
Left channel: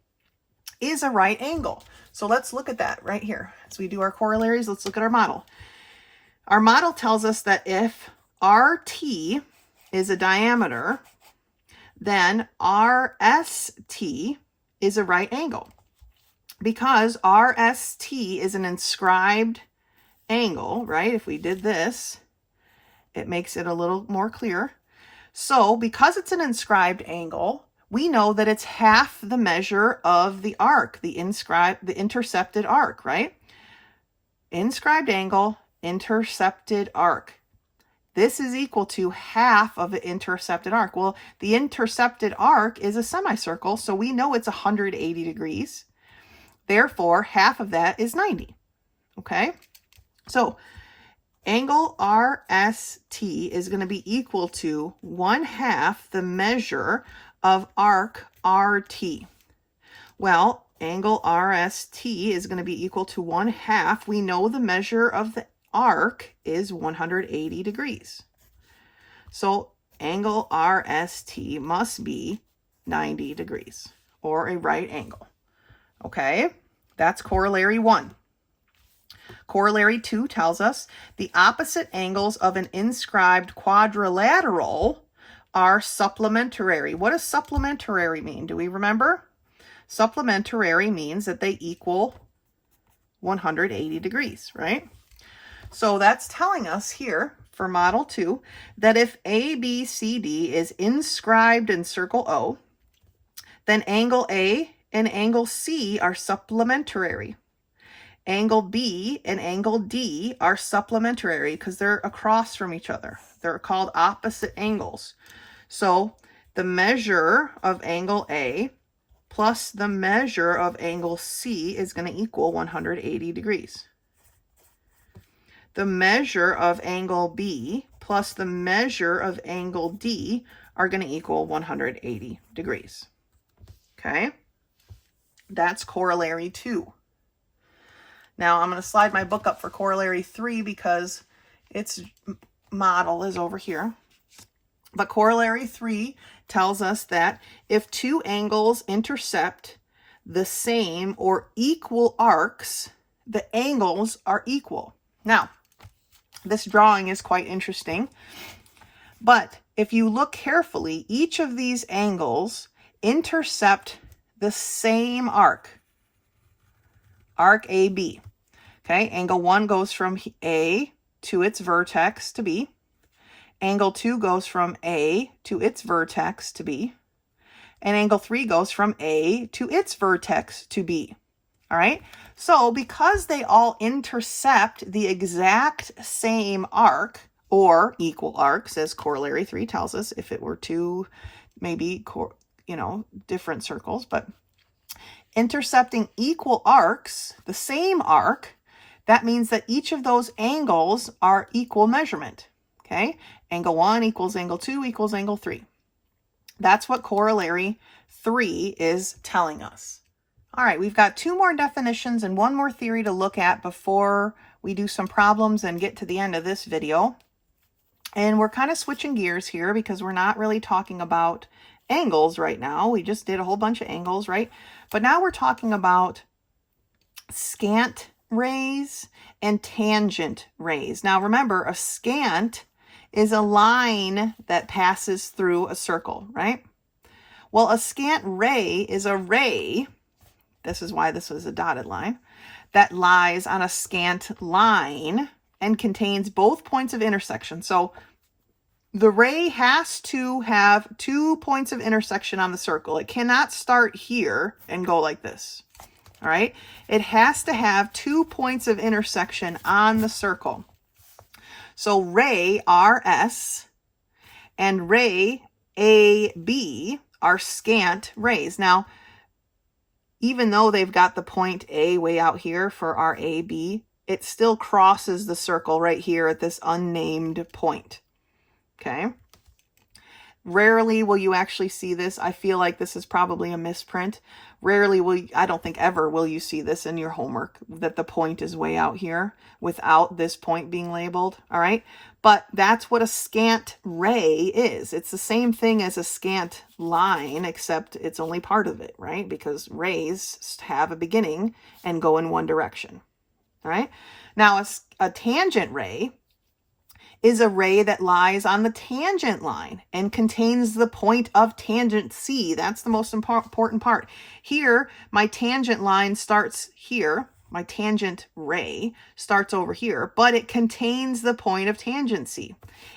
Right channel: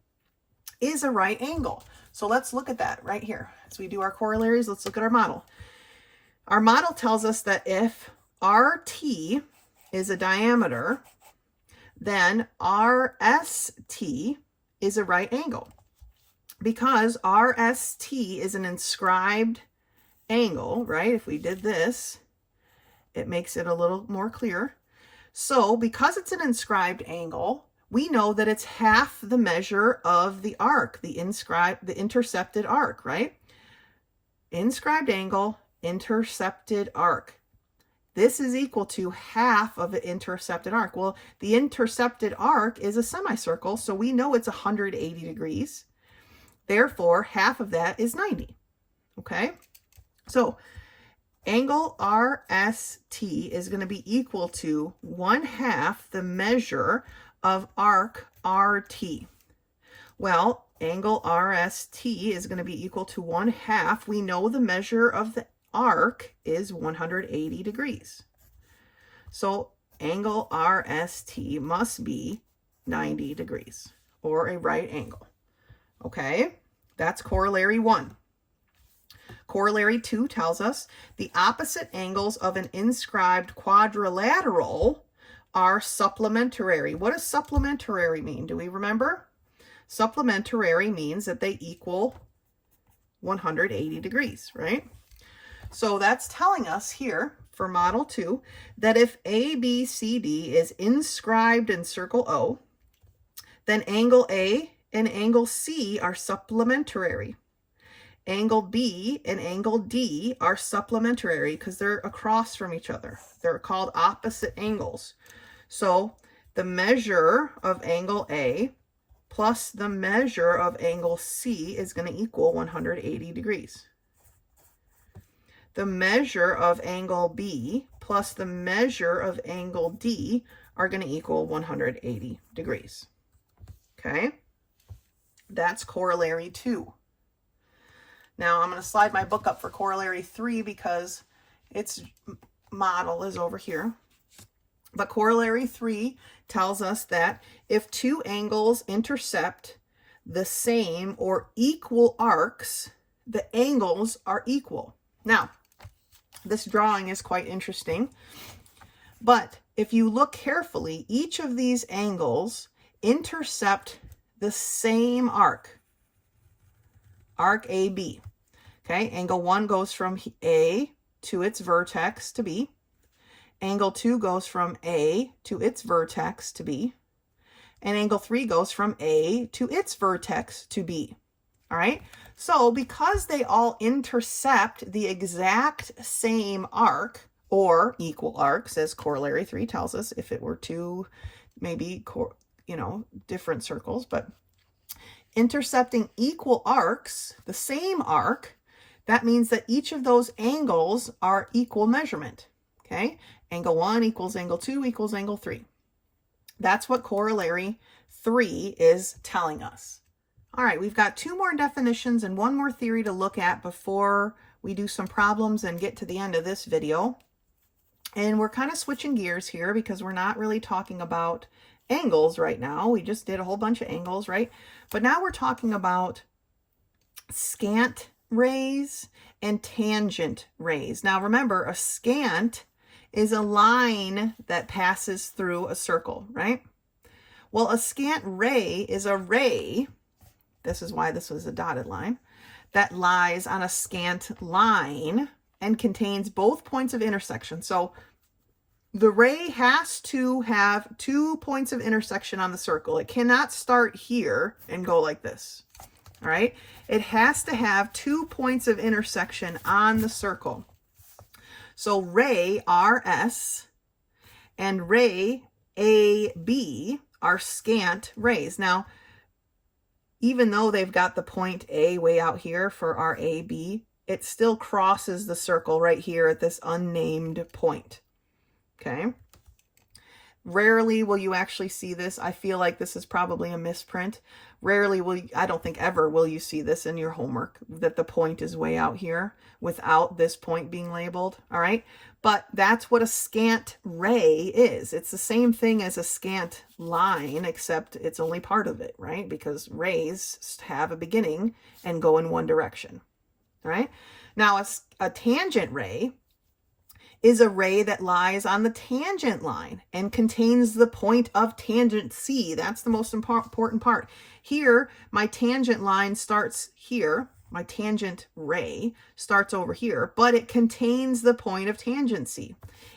is a right angle. So let's look at that right here. As we do our corollaries, let's look at our model. Our model tells us that if RT is a diameter, then RST is a right angle. Because RST is an inscribed angle, right? If we did this, it makes it a little more clear. So because it's an inscribed angle, we know that it's half the measure of the arc, the intercepted arc, right? Inscribed angle, intercepted arc. This is equal to half of the intercepted arc. Well, the intercepted arc is a semicircle, so we know it's 180 degrees. Therefore, half of that is 90. Okay? So angle RST is going to be equal to 1/2 the measure of arc RT. Well, angle RST is going to be equal to 1/2. We know the measure of the arc is 180 degrees. So angle RST must be 90 degrees or a right angle. Okay, that's corollary 1. Corollary 2 tells us the opposite angles of an inscribed quadrilateral are supplementary. What does supplementary mean? Do we remember? Supplementary means that they equal 180 degrees, right? So that's telling us here for model 2 that if ABCD is inscribed in circle O, then angle A and angle C are supplementary. Angle B and angle D are supplementary because they're across from each other. They're called opposite angles. So the measure of angle A plus the measure of angle C is going to equal 180 degrees. The measure of angle B plus the measure of angle D are going to equal 180 degrees. Okay? That's corollary 2. Now I'm going to slide my book up for corollary 3 because its model is over here. But corollary 3 tells us that if 2 angles intercept the same or equal arcs, the angles are equal. Now, this drawing is quite interesting, but if you look carefully, each of these angles intercept the same arc, arc AB. Okay, angle 1 goes from A to its vertex to B. Angle 2 goes from A to its vertex to B. And angle 3 goes from A to its vertex to B. All right, so because they all intercept the exact same arc, or equal arcs, as corollary 3 tells us, if it were 2, maybe, different circles, but intercepting equal arcs, the same arc, that means that each of those angles are equal measurement. Okay, angle 1 equals angle 2 equals angle 3. That's what corollary 3 is telling us. All right, we've got 2 more definitions and 1 more theory to look at before we do some problems and get to the end of this video. And we're kind of switching gears here because we're not really talking about angles right now. We just did a whole bunch of angles, right? But now we're talking about scant rays and tangent rays. Now remember, a scant is a line that passes through a circle, right? Well, a scant ray is a ray, this is why this was a dotted line, that lies on a scant line and contains both points of intersection. So the ray has to have 2 points of intersection on the circle. It cannot start here and go like this. All right. It has to have 2 points of intersection on the circle. So ray RS and ray AB are scant rays. Now, even though they've got the point A way out here for our AB, it still crosses the circle right here at this unnamed point. Okay. Rarely will you actually see this. I feel like this is probably a misprint. Rarely will you, I don't think ever will you see this in your homework, that the point is way out here without this point being labeled. All right. But that's what a scant ray is. It's the same thing as a scant line, except it's only part of it, right? Because rays have a beginning and go in one direction. All right. Now a tangent ray is a ray that lies on the tangent line and contains the point of tangent C. That's the most important part. Here, my tangent line starts here. My tangent ray starts over here, but it contains the point of tangent C.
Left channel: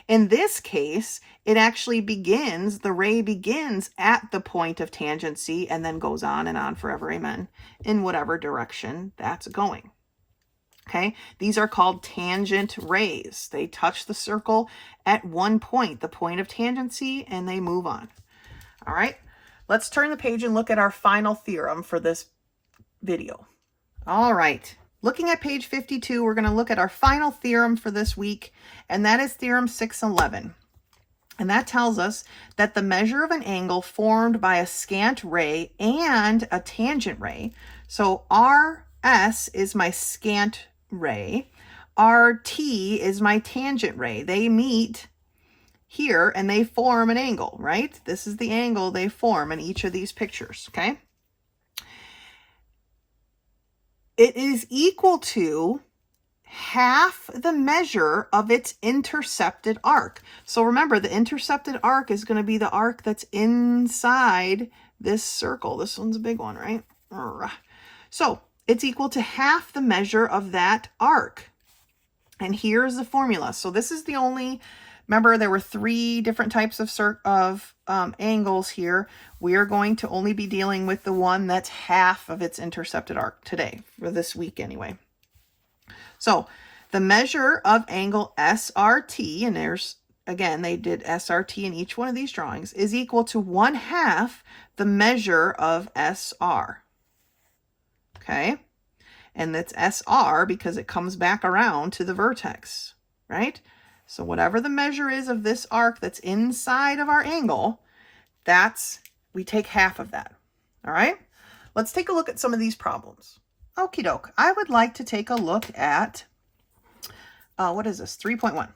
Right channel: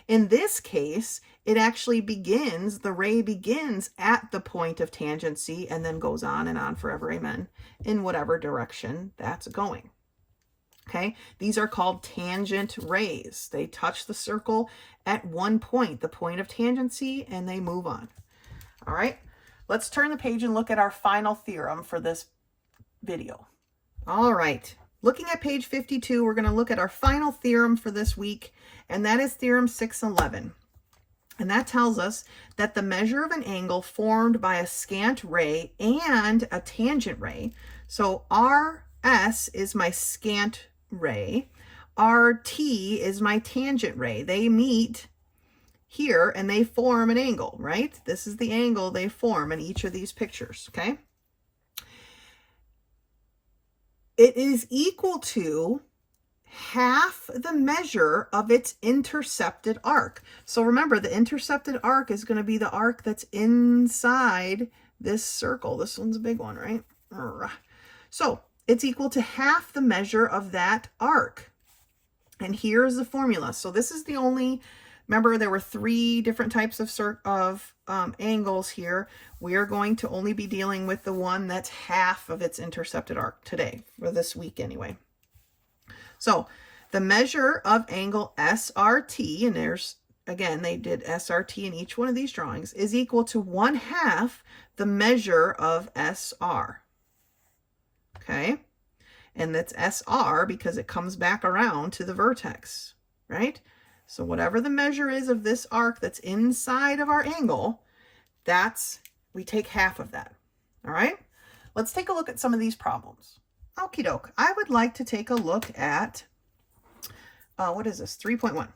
In this case, it actually begins, the ray begins at the point of tangent C and then goes on and on forever, amen, in whatever direction that's going. Okay, these are called tangent rays. They touch the circle at one point, the point of tangency, and they move on. All right, let's turn the page and look at our final theorem for this video. All right, looking at page 52, we're going to look at our final theorem for this week, and that is Theorem 611. And that tells us that the measure of an angle formed by a scant ray and a tangent ray, so RS is my scant ray, RT is my tangent ray. They meet here and they form an angle, right? This is the angle they form in each of these pictures, okay? It is equal to half the measure of its intercepted arc. So remember, the intercepted arc is going to be the arc that's inside this circle. This one's a big one, right? So it's equal to half the measure of that arc. And here's the formula. So this is the only, remember there were 3 different types of angles here. We're going to only be dealing with the one that's half of its intercepted arc today, for this week anyway. So the measure of angle SRT, and there's, again, they did SRT in each one of these drawings, is equal to 1/2 the measure of SR. Okay, and that's SR because it comes back around to the vertex, right? So whatever the measure is of this arc that's inside of our angle, we take half of that. All right, let's take a look at some of these problems. Okie doke. I would like to take a look at, what is this, 3.1.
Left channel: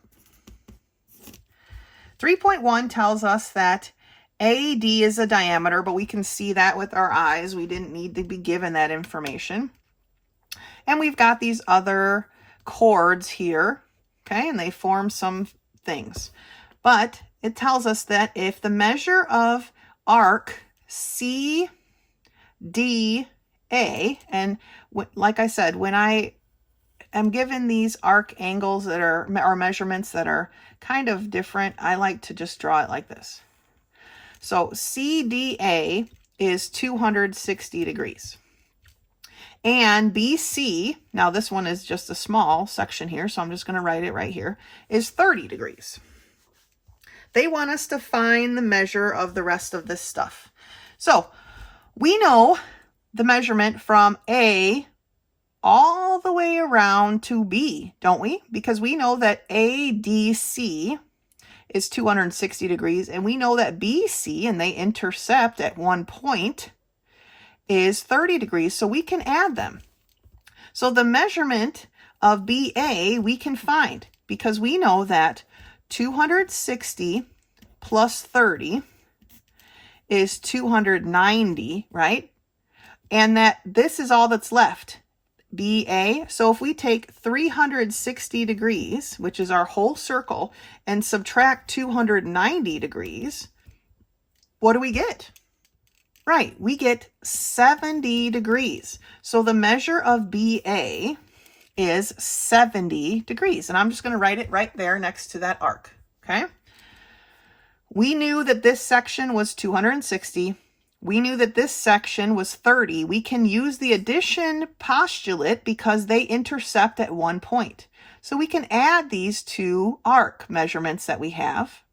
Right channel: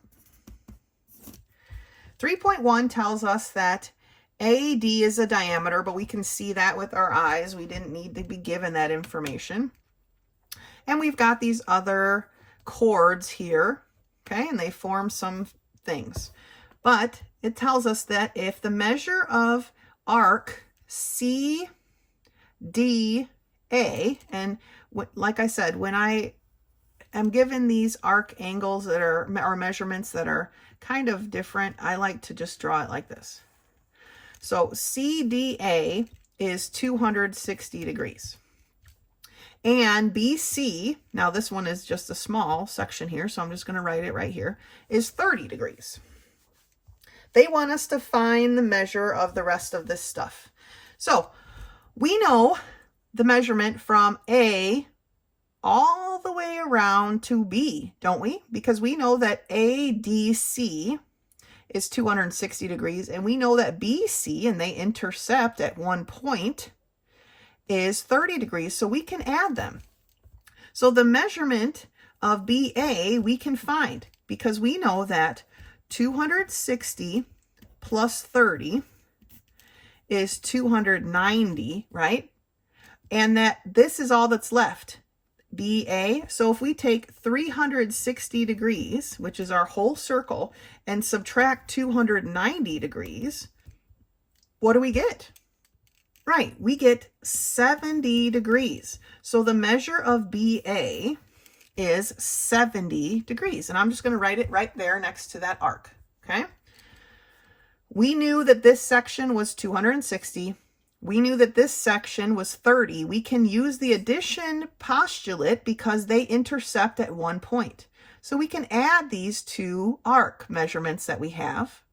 3.1 tells us that AD is a diameter, but we can see that with our eyes. We didn't need to be given that information. And we've got these other chords here, okay, and they form some things. But it tells us that if the measure of arc CDA, and like I said, when I am given these arc angles that are, or measurements that are kind of different, I like to just draw it like this. So CDA is 260 degrees. And BC, now this one is just a small section here, so I'm just going to write it right here, is 30 degrees. They want us to find the measure of the rest of this stuff. So we know the measurement from A all the way around to B, don't we? Because we know that ADC is 260 degrees, and we know that BC, and they intercept at one point, is 30 degrees, so we can add them. So the measurement of BA we can find, because we know that 260 plus 30 is 290, right? And that this is all that's left, BA. So if we take 360 degrees, which is our whole circle, and subtract 290 degrees, what do we get? Right, we get 70 degrees. So the measure of BA is 70 degrees. And I'm just going to write it right there next to that arc. Okay. We knew that this section was 260. We knew that this section was 30. We can use the addition postulate because they intercept at one point. So we can add these two arc measurements that we have,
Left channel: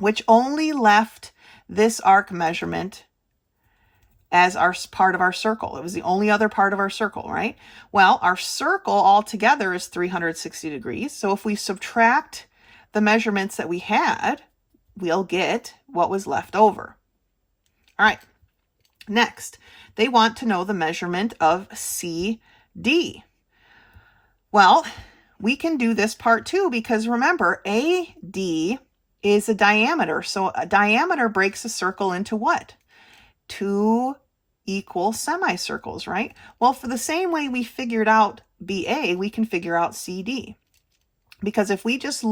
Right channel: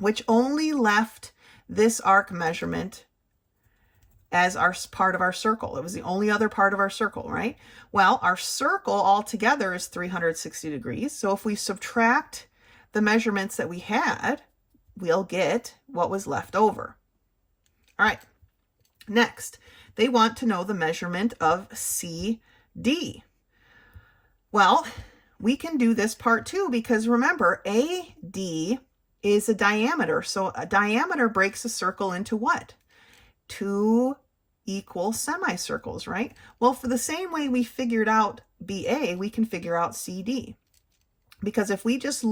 which only left this arc measurement as our part of our circle. It was the only other part of our circle, right? Well, our circle altogether is 360 degrees. So if we subtract the measurements that we had, we'll get what was left over. All right. Next, they want to know the measurement of CD. Well, we can do this part too, because remember, AD is a diameter. So a diameter breaks a circle into what? Two equal semicircles, right? Well, for the same way we figured out BA, we can figure out CD. Because if we just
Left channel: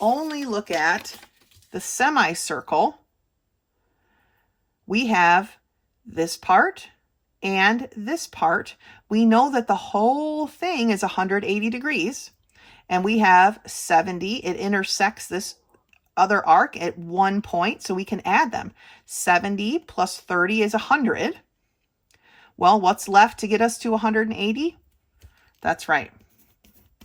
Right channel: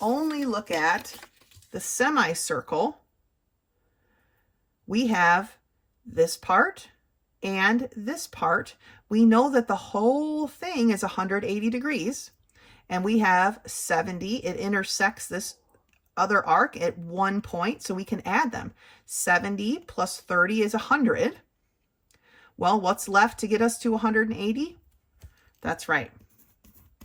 only look at the semicircle, we have this part and this part. We know that the whole thing is 180 degrees, and we have 70. It intersects this other arc at one point, so we can add them. 70 plus 30 is 100. Well, what's left to get us to 180? That's right,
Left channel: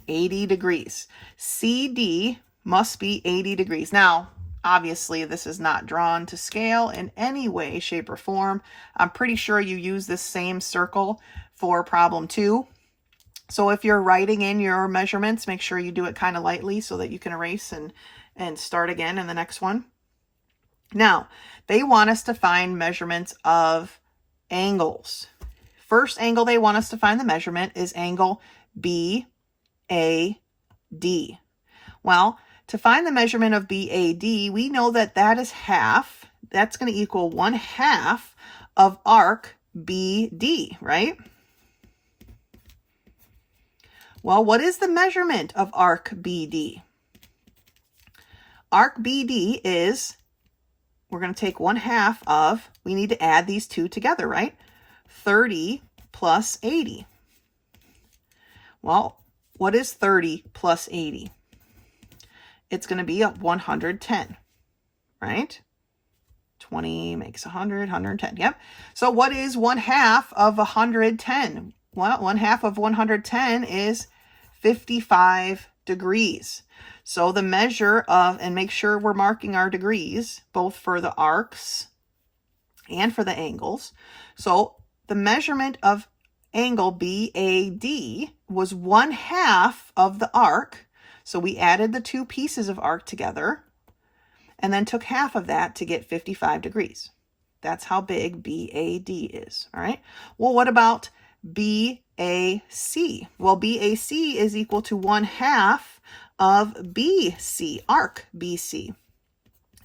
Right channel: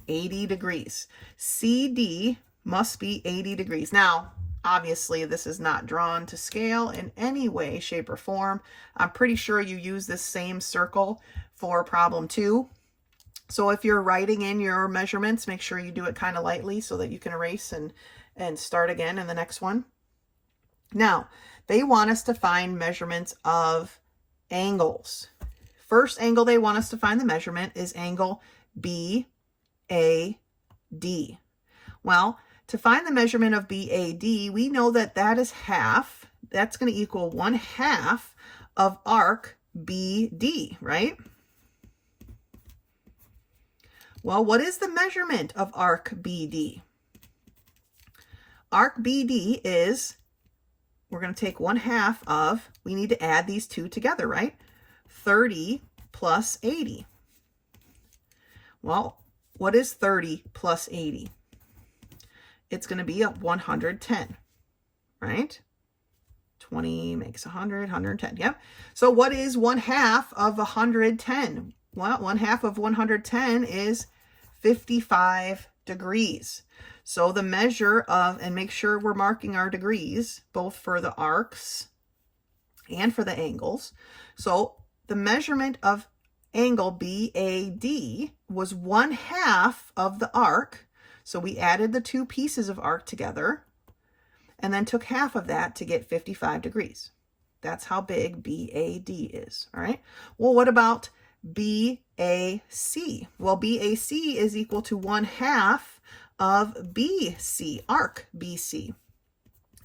80 degrees. CD must be 80 degrees. Now, obviously, this is not drawn to scale in any way, shape, or form. I'm pretty sure you use this same circle for problem 2. So if you're writing in your measurements, make sure you do it kind of lightly so that you can erase and start again in the next one. Now, they want us to find measurements of angles. First angle they want us to find the measurement is angle BAD. Well, to find the measurement of BAD, we know that that is half. That's going to equal 1/2 of arc BD, right? Well, what is the measurement of arc BD? Arc BD is, we're going to take 1/2 of, we need to add these two together, right? 30 plus 80. Well, what is 30 plus 80? It's going to be a 110, right? 20 makes 100, 110. Yep. So what is 1/2 of 110? Well, 1/2 of 110 is 55 degrees. So the measure of, and make sure we're marking our degrees, both for the arcs and for the angles. So the measurement of angle BAD was 1/2 of the arc. So we added the two pieces of arc together and then took half of that to get 55 degrees. That's how big BAD is, all right? Well, what about BAC? Well, BAC is equal to 1/2 of BC, arc BC.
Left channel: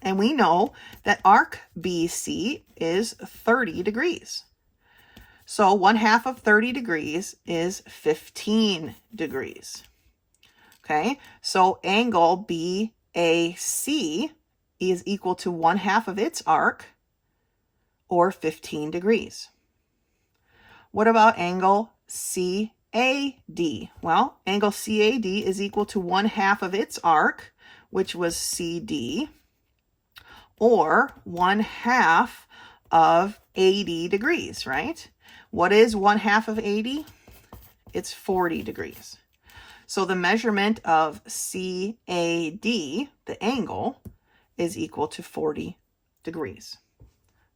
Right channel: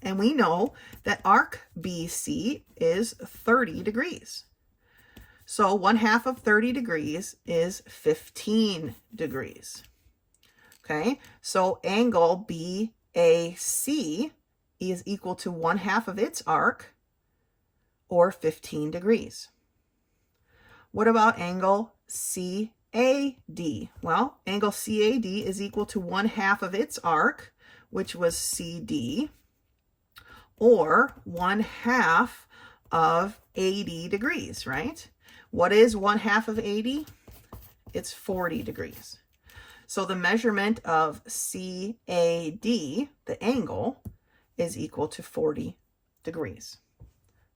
And we know that arc BC is 30 degrees. So 1/2 of 30 degrees is 15 degrees. Okay, so angle BAC is equal to 1/2 of its arc, or 15 degrees. What about angle CAD? Well, angle CAD is equal to 1/2 of its arc, which was CD, or 1/2 of 80 degrees, right? What is 1/2 of 80? It's 40 degrees. So the measurement of CAD, the angle, is equal to 40 degrees.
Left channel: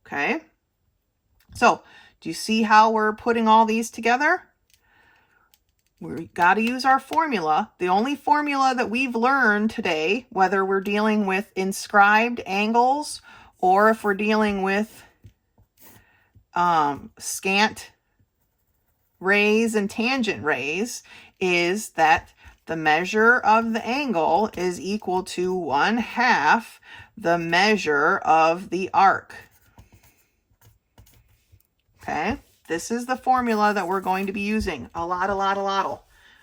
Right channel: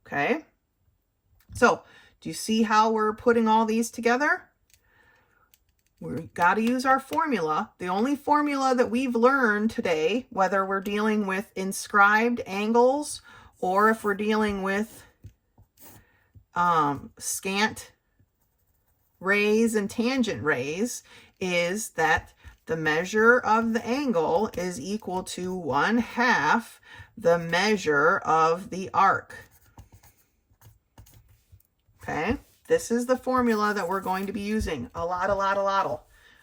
Okay? So, do you see how we're putting all these together? We've got to use our formula. The only formula that we've learned today, whether we're dealing with inscribed angles or if we're dealing with scant rays and tangent rays, is that the measure of the angle is equal to 1/2 the measure of the arc. Okay, this is the formula that we're going to be using. A lot. All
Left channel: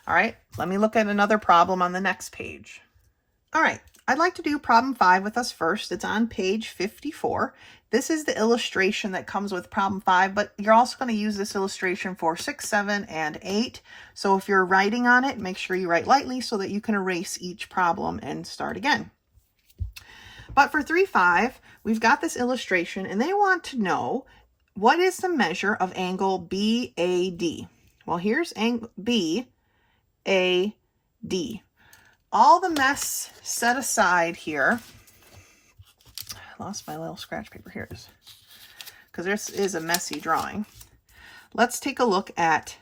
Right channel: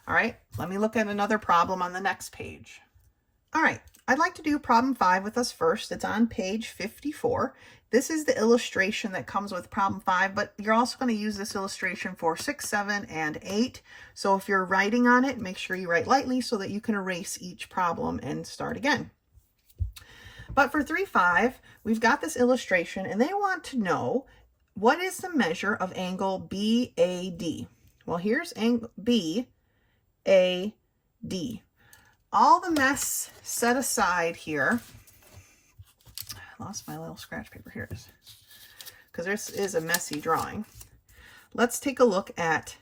right, let me look at another problem on the next page. All right, I'd like to do problem 5 with us first. It's on page 54. This is the illustration that comes with problem 5, but you're also going to use this illustration for 6, 7, and 8. So if you're writing on it, make sure you write lightly so that you can erase each problem and start again. But for 3-5, we've got this illustration, and they want to know what is the measure of angle BAD. Well, here's angle BAD. All the mess set aside here. I lost my little scratch paper. Here it is. Because this is a messy drawing. Let's take a look at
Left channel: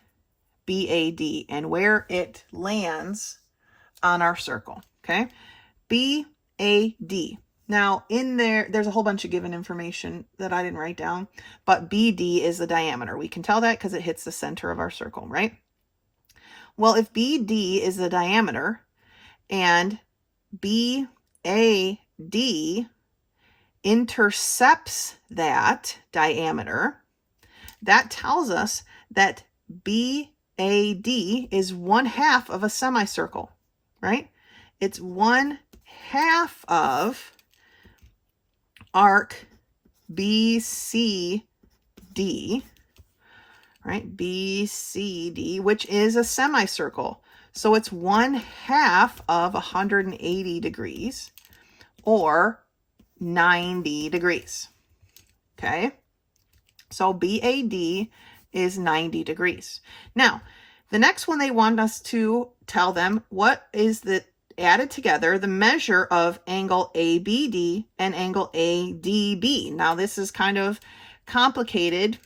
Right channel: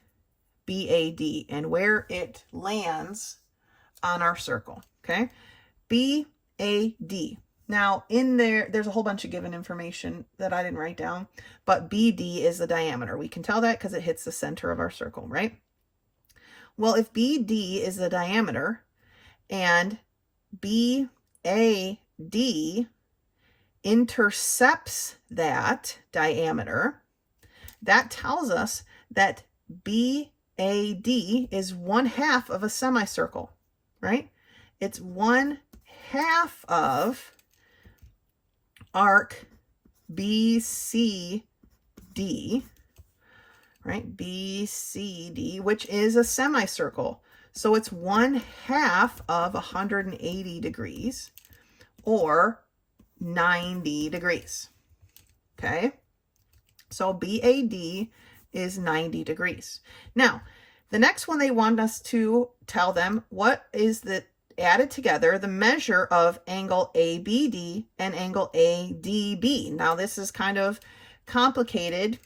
BAD and where it lands on our circle. Okay, BAD. Now, in there's a whole bunch of given information that I didn't write down, but BD is the diameter. We can tell that because it hits the center of our circle, right? Well, if BD is the diameter and BAD intercepts that diameter, that tells us that BAD is 1/2 of a semicircle, right? It's 1/2 of arc BCD, right? BCD, which is a semicircle. So it's 1/2 of 180 degrees or 90 degrees. Okay. So BAD is 90 degrees. Now, the next one they want us to tell them what is the added together the measure of angle ABD and angle ADB. Now this is kind of complicated.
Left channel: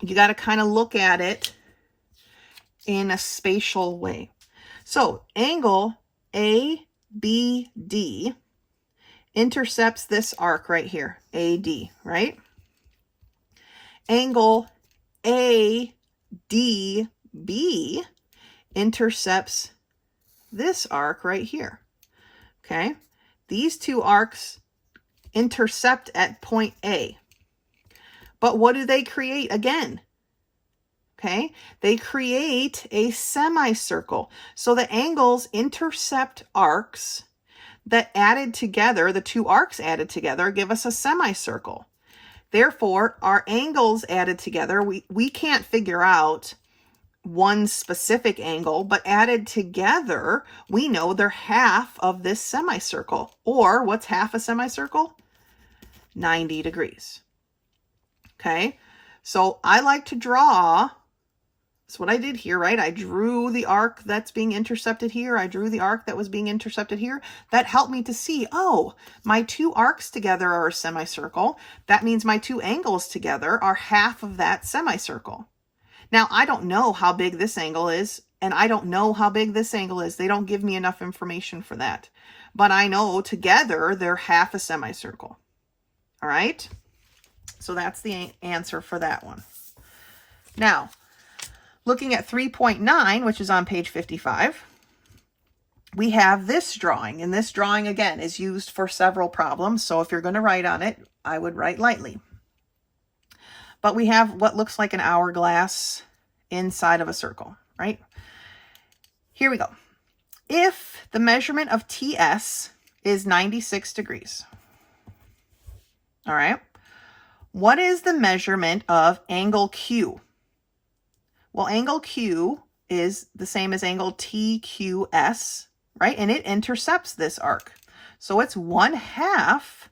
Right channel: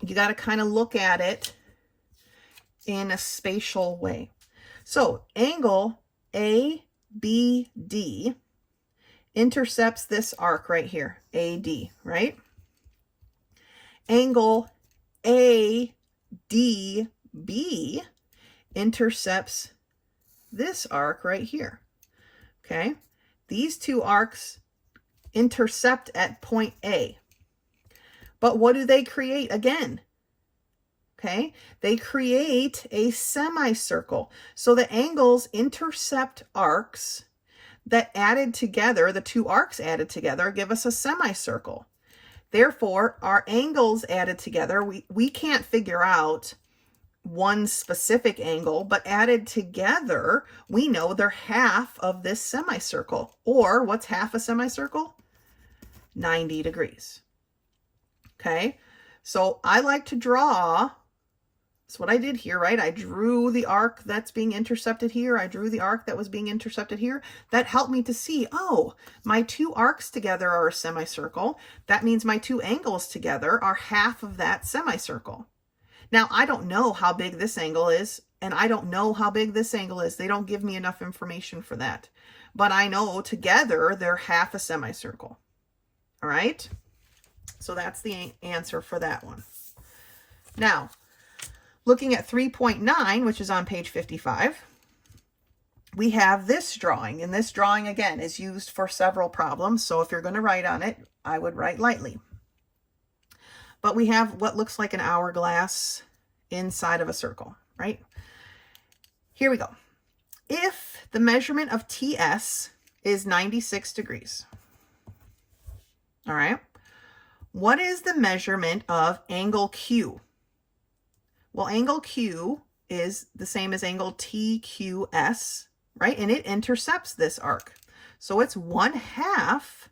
You got to kind of look at it in a spatial way. So angle ABD intercepts this arc right here, AD, right? Angle ADB intercepts this arc right here. Okay, these two arcs intercept at point A. But what do they create again? Okay, they create a semicircle. So the angles intercept arcs that added together, the two arcs added together, give us a semicircle. Therefore, our angles added together, we can't figure out one specific angle, but added together, we know they're half of this semicircle. Or what's half a semicircle? 90 degrees. Okay, so I like to draw, that's what I did here, right? I drew the arc that's being intercepted here. I drew the arc that was being intercepted here. That helped me to see, oh, my two arcs together are a semicircle. That means my two angles together are half of that semicircle. Now, I don't know how big this angle is, and I don't know how big this angle is. They don't give me enough information for that. But I know together they're half a semicircle. All right? So that's the answer for that one. Now, looking at 3.9, which is on page 55, we have this drawing. And this drawing, again, is used for several problems. So if you're going to write on it, I would write lightly. But we have what looks like an hourglass inside of a circle, right? Here we go. If the measurement of TS is 96 degrees, all right, what is the measurement of angle Q? Well, angle Q is the same as angle TQS, right? And it intercepts this arc. So it's 1/2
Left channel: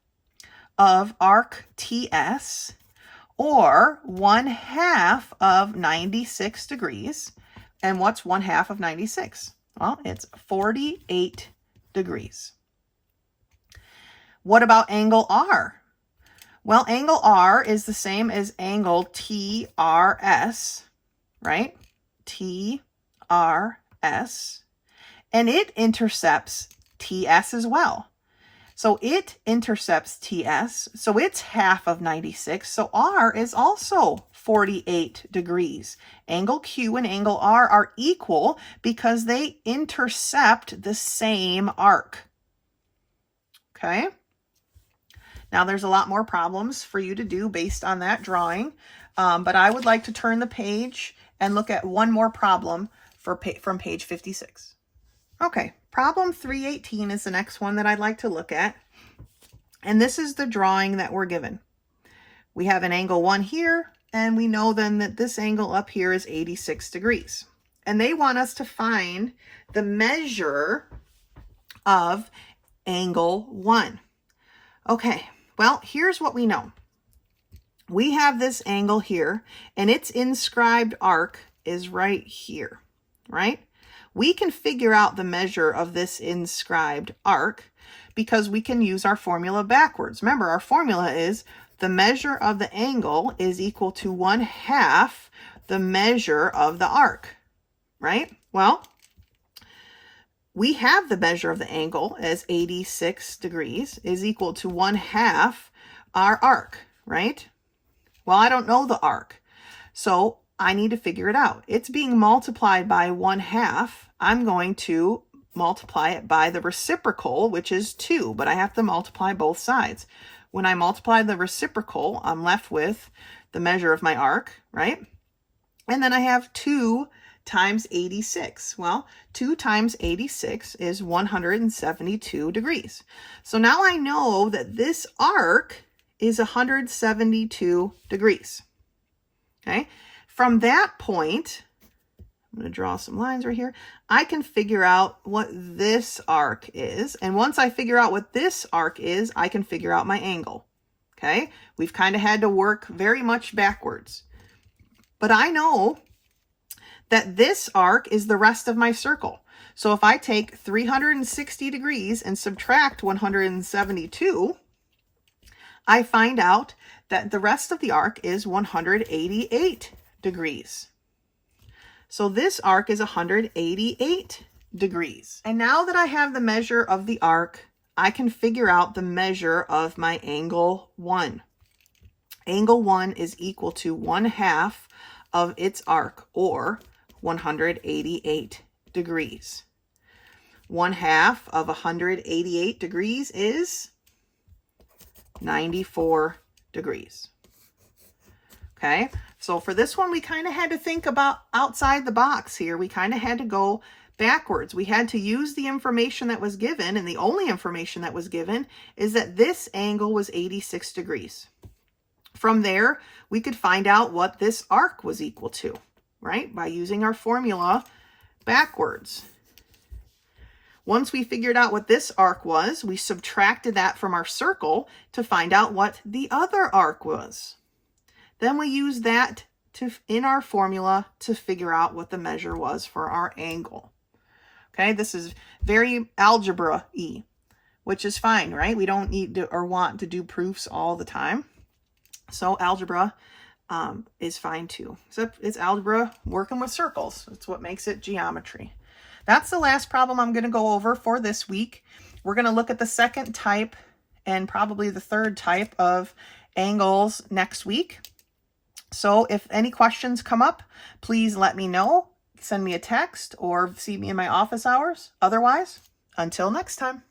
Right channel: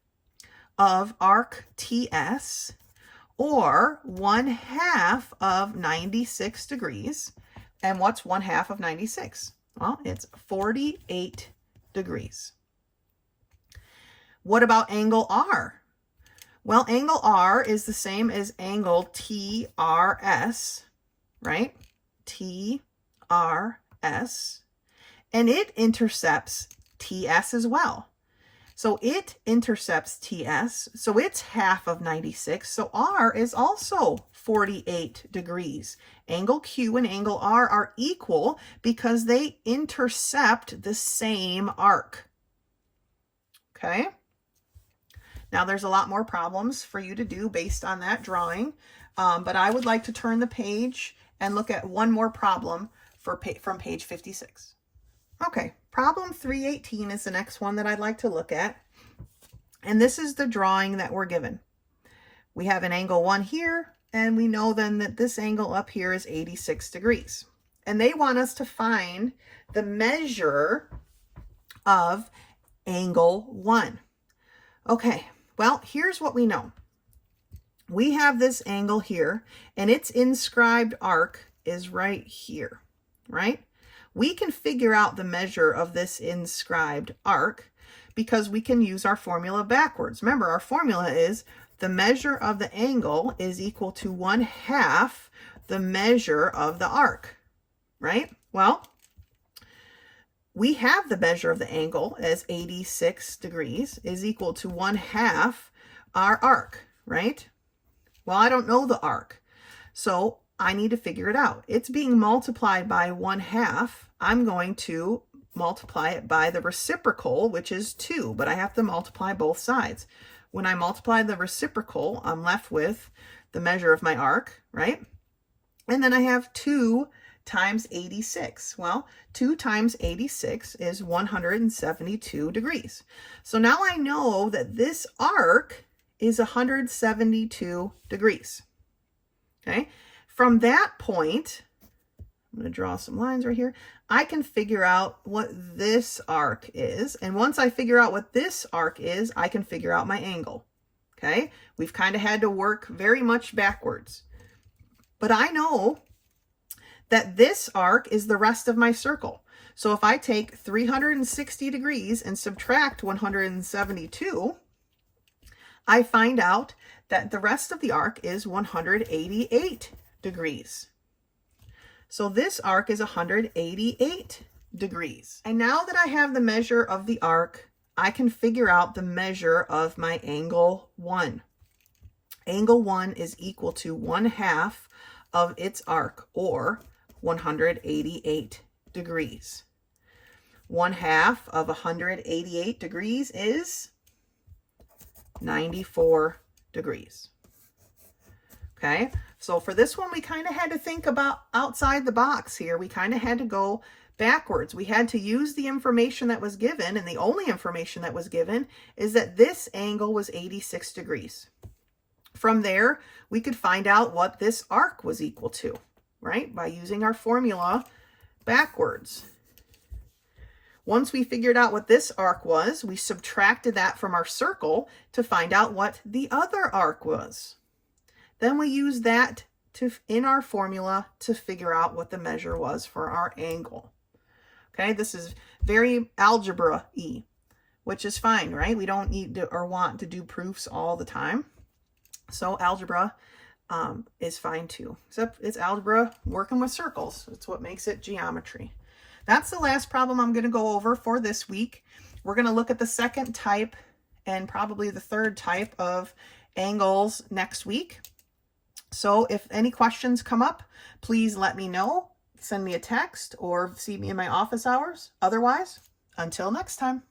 of arc TS, or 1/2 of 96 degrees. And what's 1/2 of 96? Well, it's 48 degrees. What about angle R? Well, angle R is the same as angle TRS, right? TRS. And it intercepts TS as well. So it intercepts TS, so it's half of 96. So R is also 48 degrees. Angle Q and angle R are equal because they intercept the same arc. Okay? Now there's a lot more problems for you to do based on that drawing, but I would like to turn the page and look at one more problem from page 56. Okay. Problem 318 is the next one that I'd like to look at. And this is the drawing that we're given. We have an angle 1 here, and we know then that this angle up here is 86 degrees. And they want us to find the measure of angle 1. Okay, well, here's what we know. We have this angle here, and its inscribed arc is right here, right? We can figure out the measure of this inscribed arc because we can use our formula backwards. Remember, our formula is the measure of the angle is equal to 1/2 the measure of the arc, right? Well, we have the measure of the angle as 86 degrees is equal to 1/2 our arc, right? Well, I don't know the arc, so I need to figure it out. It's being multiplied by 1/2. I'm going to multiply it by the reciprocal, which is 2, but I have to multiply both sides. When I multiply the reciprocal, I'm left with the measure of my arc, right? And then I have 2 times 86. Well, 2 times 86 is 172 degrees. So now I know that this arc is 172 degrees. Okay, from that point, I'm going to draw some lines right here. I can figure out what this arc is. And once I figure out what this arc is, I can figure out my angle. Okay, we've kind of had to work very much backwards. But I know that this arc is the rest of my circle. So if I take 360 degrees and subtract 172, I find out that the rest of the arc is 188 degrees. So this arc is 188 degrees. And now that I have the measure of the arc, I can figure out the measure of my angle 1. Angle 1 is equal to 1/2 of its arc, or 188 degrees. 1/2 of 188 degrees is 94 degrees. Okay, so for this one, we kind of had to think about outside the box here. We kind of had to go backwards. We had to use the information that was given, and the only information that was given is that this angle was 86 degrees. From there, we could find out what this arc was equal to, right? By using our formula backwards. Once we figured out what this arc was, we subtracted that from our circle to find out what the other arc was. Then we used that in our formula to figure out what the measure was for our angle. Okay, this is very algebra-y, which is fine, right? We don't need to or want to do proofs all the time. So algebra is fine too, except it's algebra working with circles. That's what makes it geometry. That's the last problem I'm going to go over for this week. We're going to look at the second type and probably the third type of angles next week. So if any questions come up, please let me know. Send me a text or see me in my office hours. Otherwise, until next time.